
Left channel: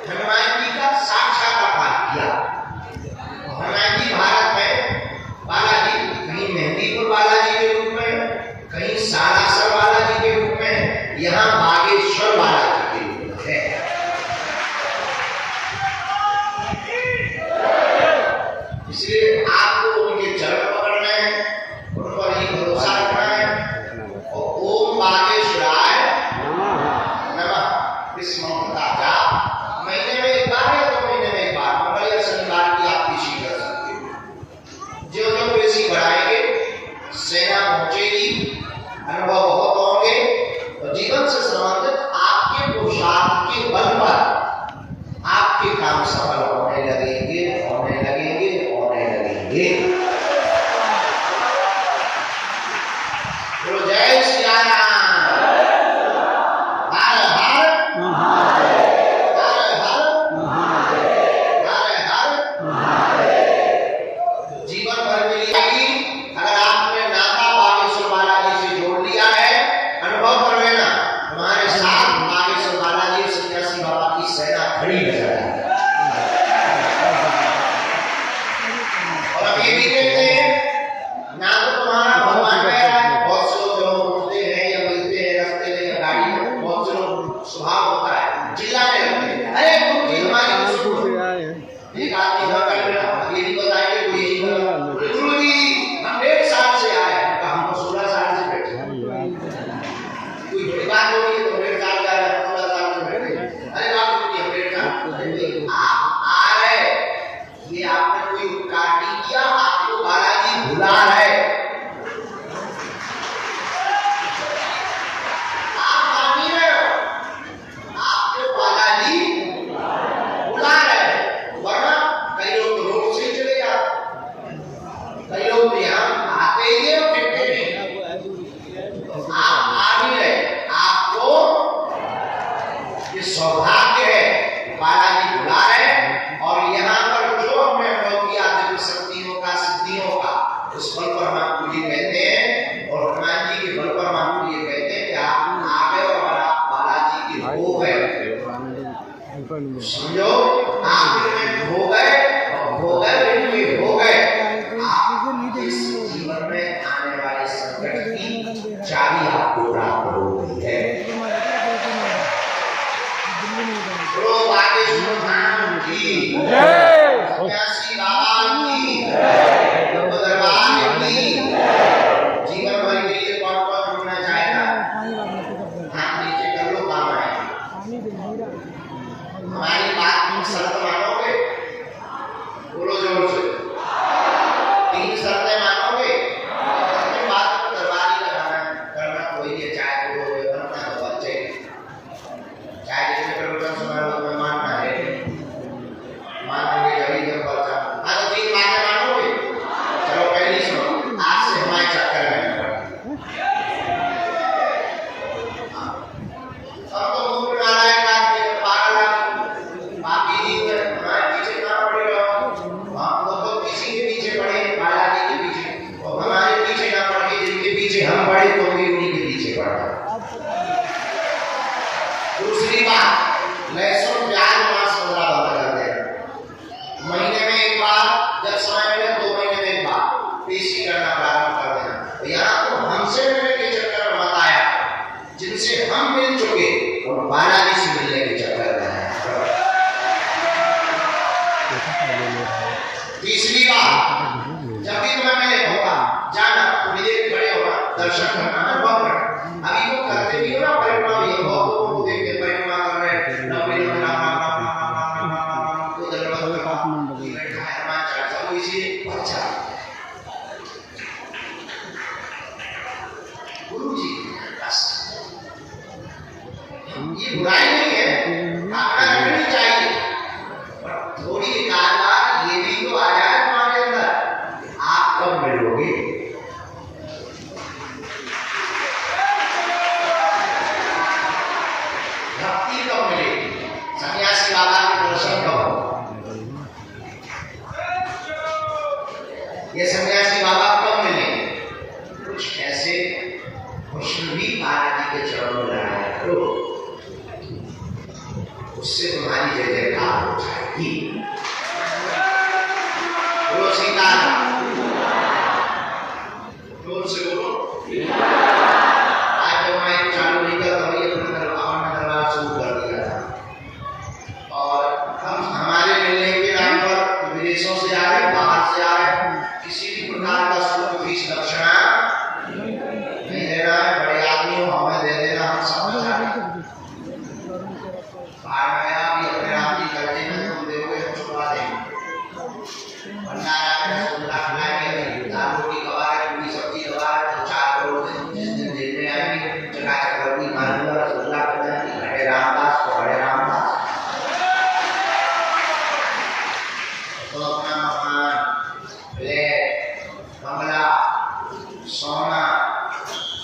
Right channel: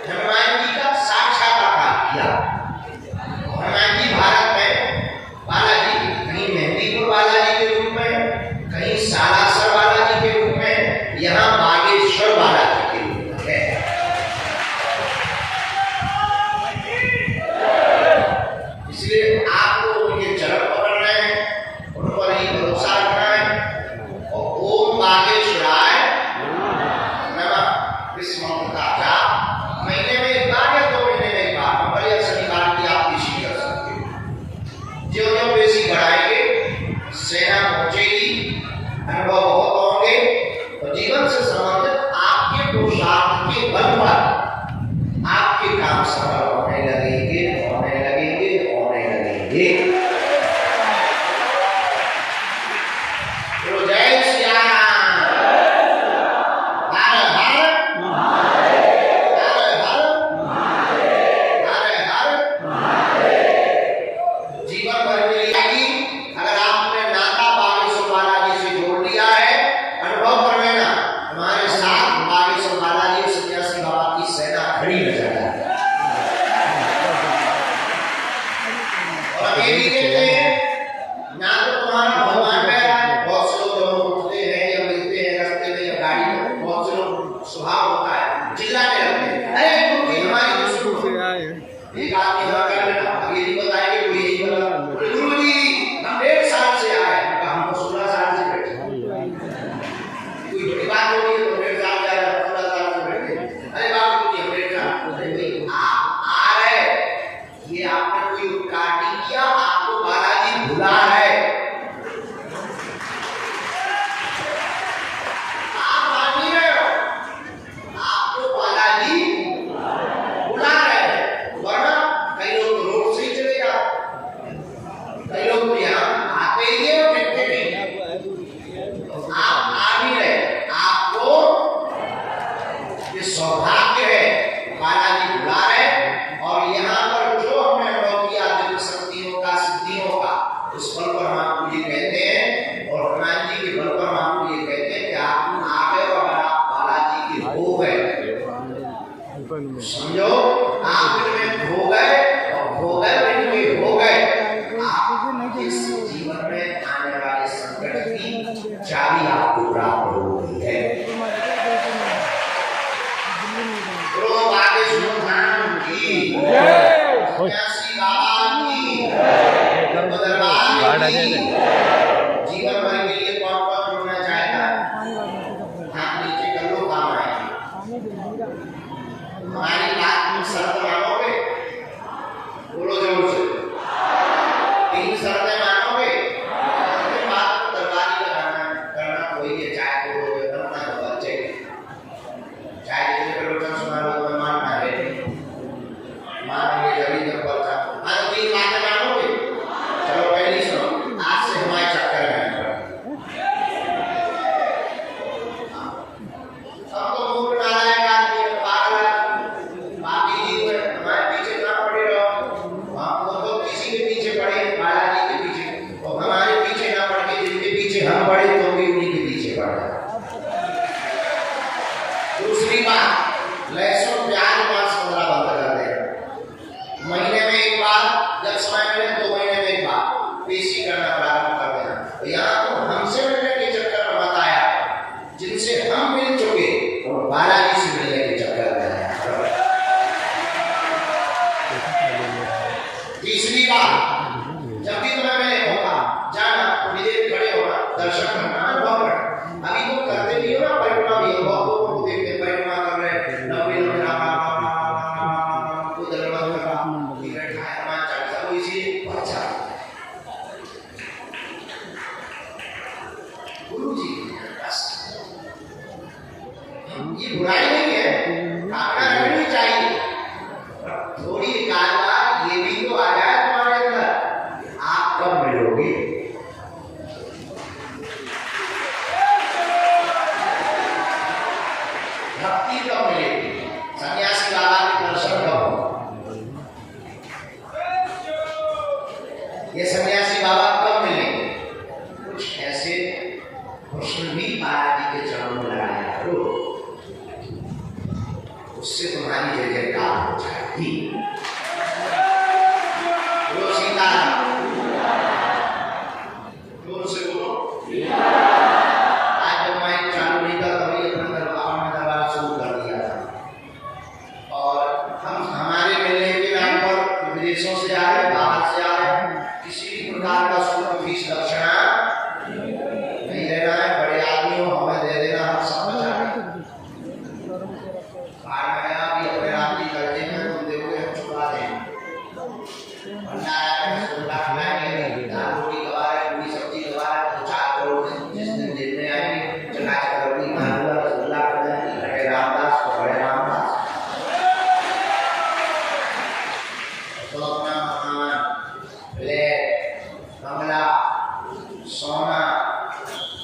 हनुमान जी का साक्षात्कार किया। हनुमान जी भारत में बालाजी, कहीं मेहंदीपुर बालाजी के रूप में, कहीं सालासर बालाजी के रूप में, यहाँ बागेश्वर बालाजी के रूप में है। इसलिए आपको उनके चरण पकड़ने हैं, उन पर ही भरोसा रखना है और ओम बागेश्वराय नमः इस मंत्र का जाप महीने में एक बार या 2 महीने में एक बार, मंगल या शनिवार की आप पेशी कर सकते हो। जो जो पेशी बढ़ाएंगे सेना पहुंचेगी, अनुभव बहुत होंगे और जीवन से संबंधित आपके पुरुषार्थ के बल पर आपके काम सफल होने लगेंगे, होने लगेंगे, होने लगेंगे। बोलो जय श्री राम। हर हर हर हर हर हर। जीवन भर मिलेगी अगर आपने नाता बागेश्वर बालाजी से जोड़ लिया है। अनुभव कर लेना, हमारे साथ बागेश्वर बालाजी और सन्यासी बाबा की सेना खड़ी नजर आए और अकेली रहते हैं ना। तो तुम्हारा भगवान मेरा है। बहुत से लोग जब उठते हैं या मिलते हैं रास्ते में या गाड़ी में, बहुत से लोग स्वभाव होता है चिल्लाने लगते हैं, अरे तुम हमारी एक आदमी ये नहीं बताएंगे कोई यही बोला, गुरु जी हम 1.5 साल से आए हैं, हमको 16 साल से बैठे। कोई बड़ी बात हो रही है तो 1.5 साल जा रहे हैं, 16 साल से बैठे। अरे बाप रे हम 1.5 साल आप आ रहे, ये आपने कोई उपकार नहीं किया, आपको बालाजी भुला है। आप मान नहीं रहे हो, आपको बालाजी बुला रहे हैं। वरना कई लोग तो रोड से ही चले जाते, कई लोग यहाँ आते ही है और फिरते नहीं। आप आ नहीं रहे, आपको ये सौभाग्य है, बालाजी बुला रहे हैं और यहाँ पर जो हमने अनुभव किया दिव्य शक्तियों का, सिद्धियों का, उस बल पर हम आपको ये कहते हैं और हनुमान जी के बल पर हम आपको ये कहते हैं कि आप आ गए और अगर आप बालाजी के हो गए, समझो आप इनमें हो गए और हो गए इनमें हो गए, आप इस जीवन में आने वाले संकट की चाबी आपको प्राप्त हो गई है। गुरु बागेश्वर धाम की, सन्यासी बाबा की, दरबार की। जीवन भर के लिए कौन कौन जुड़ना चाहेगा? हाथ नीचे कर लो, काम आएगी। हमारी बात शर्त मानोगे? बोलो जोर से। 3 शर्तें मानोगे? बात को दरबारी करना कोई है, चाहे गुरु हो बनना हो बच्चे, चाहे जिसने प्रवचन सुना लो तुम्हें मानना है, मानोगे जब जब बच्चा। हाँ तो 3 बातें मानोगे? चलो पहली सुनो, आज से हमारे चक्कर में सब तो मूर्ख नारायण आदमी पागल, बाकी जी हमारे पीछे ना पड़े रहो। हम तो किसी के पीछे पड़े, बालाजी के पीछे, और हमारे पीछे ना पड़ के जिनके पीछे हम पड़े तो भी उन्हीं के पीछे पड़ जाए। दूसरी बात, लहसुन प्याज मांस 15 बंद कर दें। महीने में एक बार, जब समय मिले 2 महीने में एक बार पेशी करना प्रारंभ कर देना। यहाँ तो हमसे मिलने के चक्कर में मत आया, जिनसे हम मिल चुके और बालाजी से मिलने के चक्कर में आया। तीसरी बात, जब भी तुम्हें मैं कहूँगा जाना तो मेरे खड़े होना, दर्शन करना, अनुभव करना। अभी तो करते भी हो ना परिक्रमा, भी बहुत लोगों को देखते परिक्रमा कर रहे हैं, लंबे लंबे राम राम राम राम राम राम राम राम को दरबार का हनुमान चालीसा को इसीलिए पहचान गुरु जी बस। ये बुराई नहीं है, आपका करनी चाहिए, पर थोड़ी कारवार ये भी तो आ जाए तुम्हारे अंदर, आप कब मिलोगे? भक्ति कब मिलेगी? सन्यासी बाबा के दर्शन कब होगा? ये सन्यासी बाबा कब मिलेंगे? कुछ ऐसे कृष्ण भी बालाजी के चरणों में लगाया करो, उससे तुम्हारी जय जयकार हो जाएगी। बोलो सीताराम, जोर से बोलो। आज जब मैं चालू नहीं करता हूँ, अपने दरबार शुरू कर दिया था, और हम हमारे मिलने के नाम पर विदेशों से आ रहे, बाहर से आ रहे, किसी भी प्रकार का शुल्क फीस दक्षिणा नहीं देना है। बड़े आदमी हो, हमें दे देना, हम सब बचा भी अपने राम जी करते हैं, तुम देखोगे हम छुपा देंगे। भंडारा में रसगुल्ला खिलाएंगे, दाल रोटी खवा रहे, पूरी सब्जी खवा रहे, तो 4 करोड़ जिस दिन देने आएंगे चकाचक रोटी मालूम रसगुल्ला कर जाएंगे। बड़े रामदास तो बड़े रामदास, तो अपना मकान, फ्लैट, बंगला, सोना,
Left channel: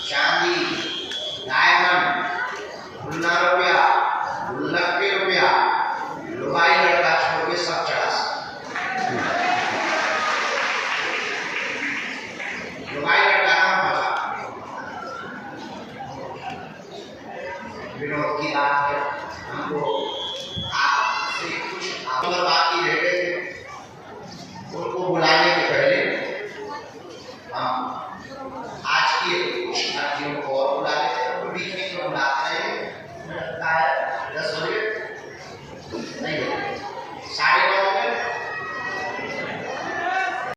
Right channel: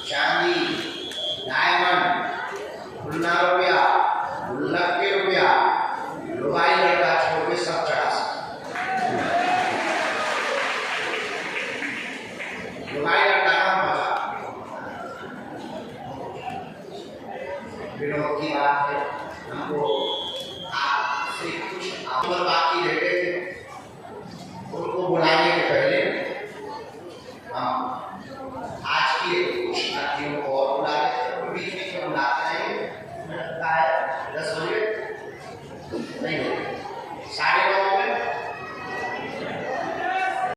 चांदी, डायमंड, गुल्ला रुपया, गुल्लक के रुपया, लुगाई लड़का छोड़ के सब चढ़ा सकते। लुगाई लड़का नाम बचा। विनोद की बात है, हमको आपसे कुछ अगर बाकी रह गए थे, उनको बुलाने के पहले हम आज की कुछ साथियों को और बुला लेते हैं, बीच बीच में बुलाते हैं। 10 बजे नहीं, 9:30 बजे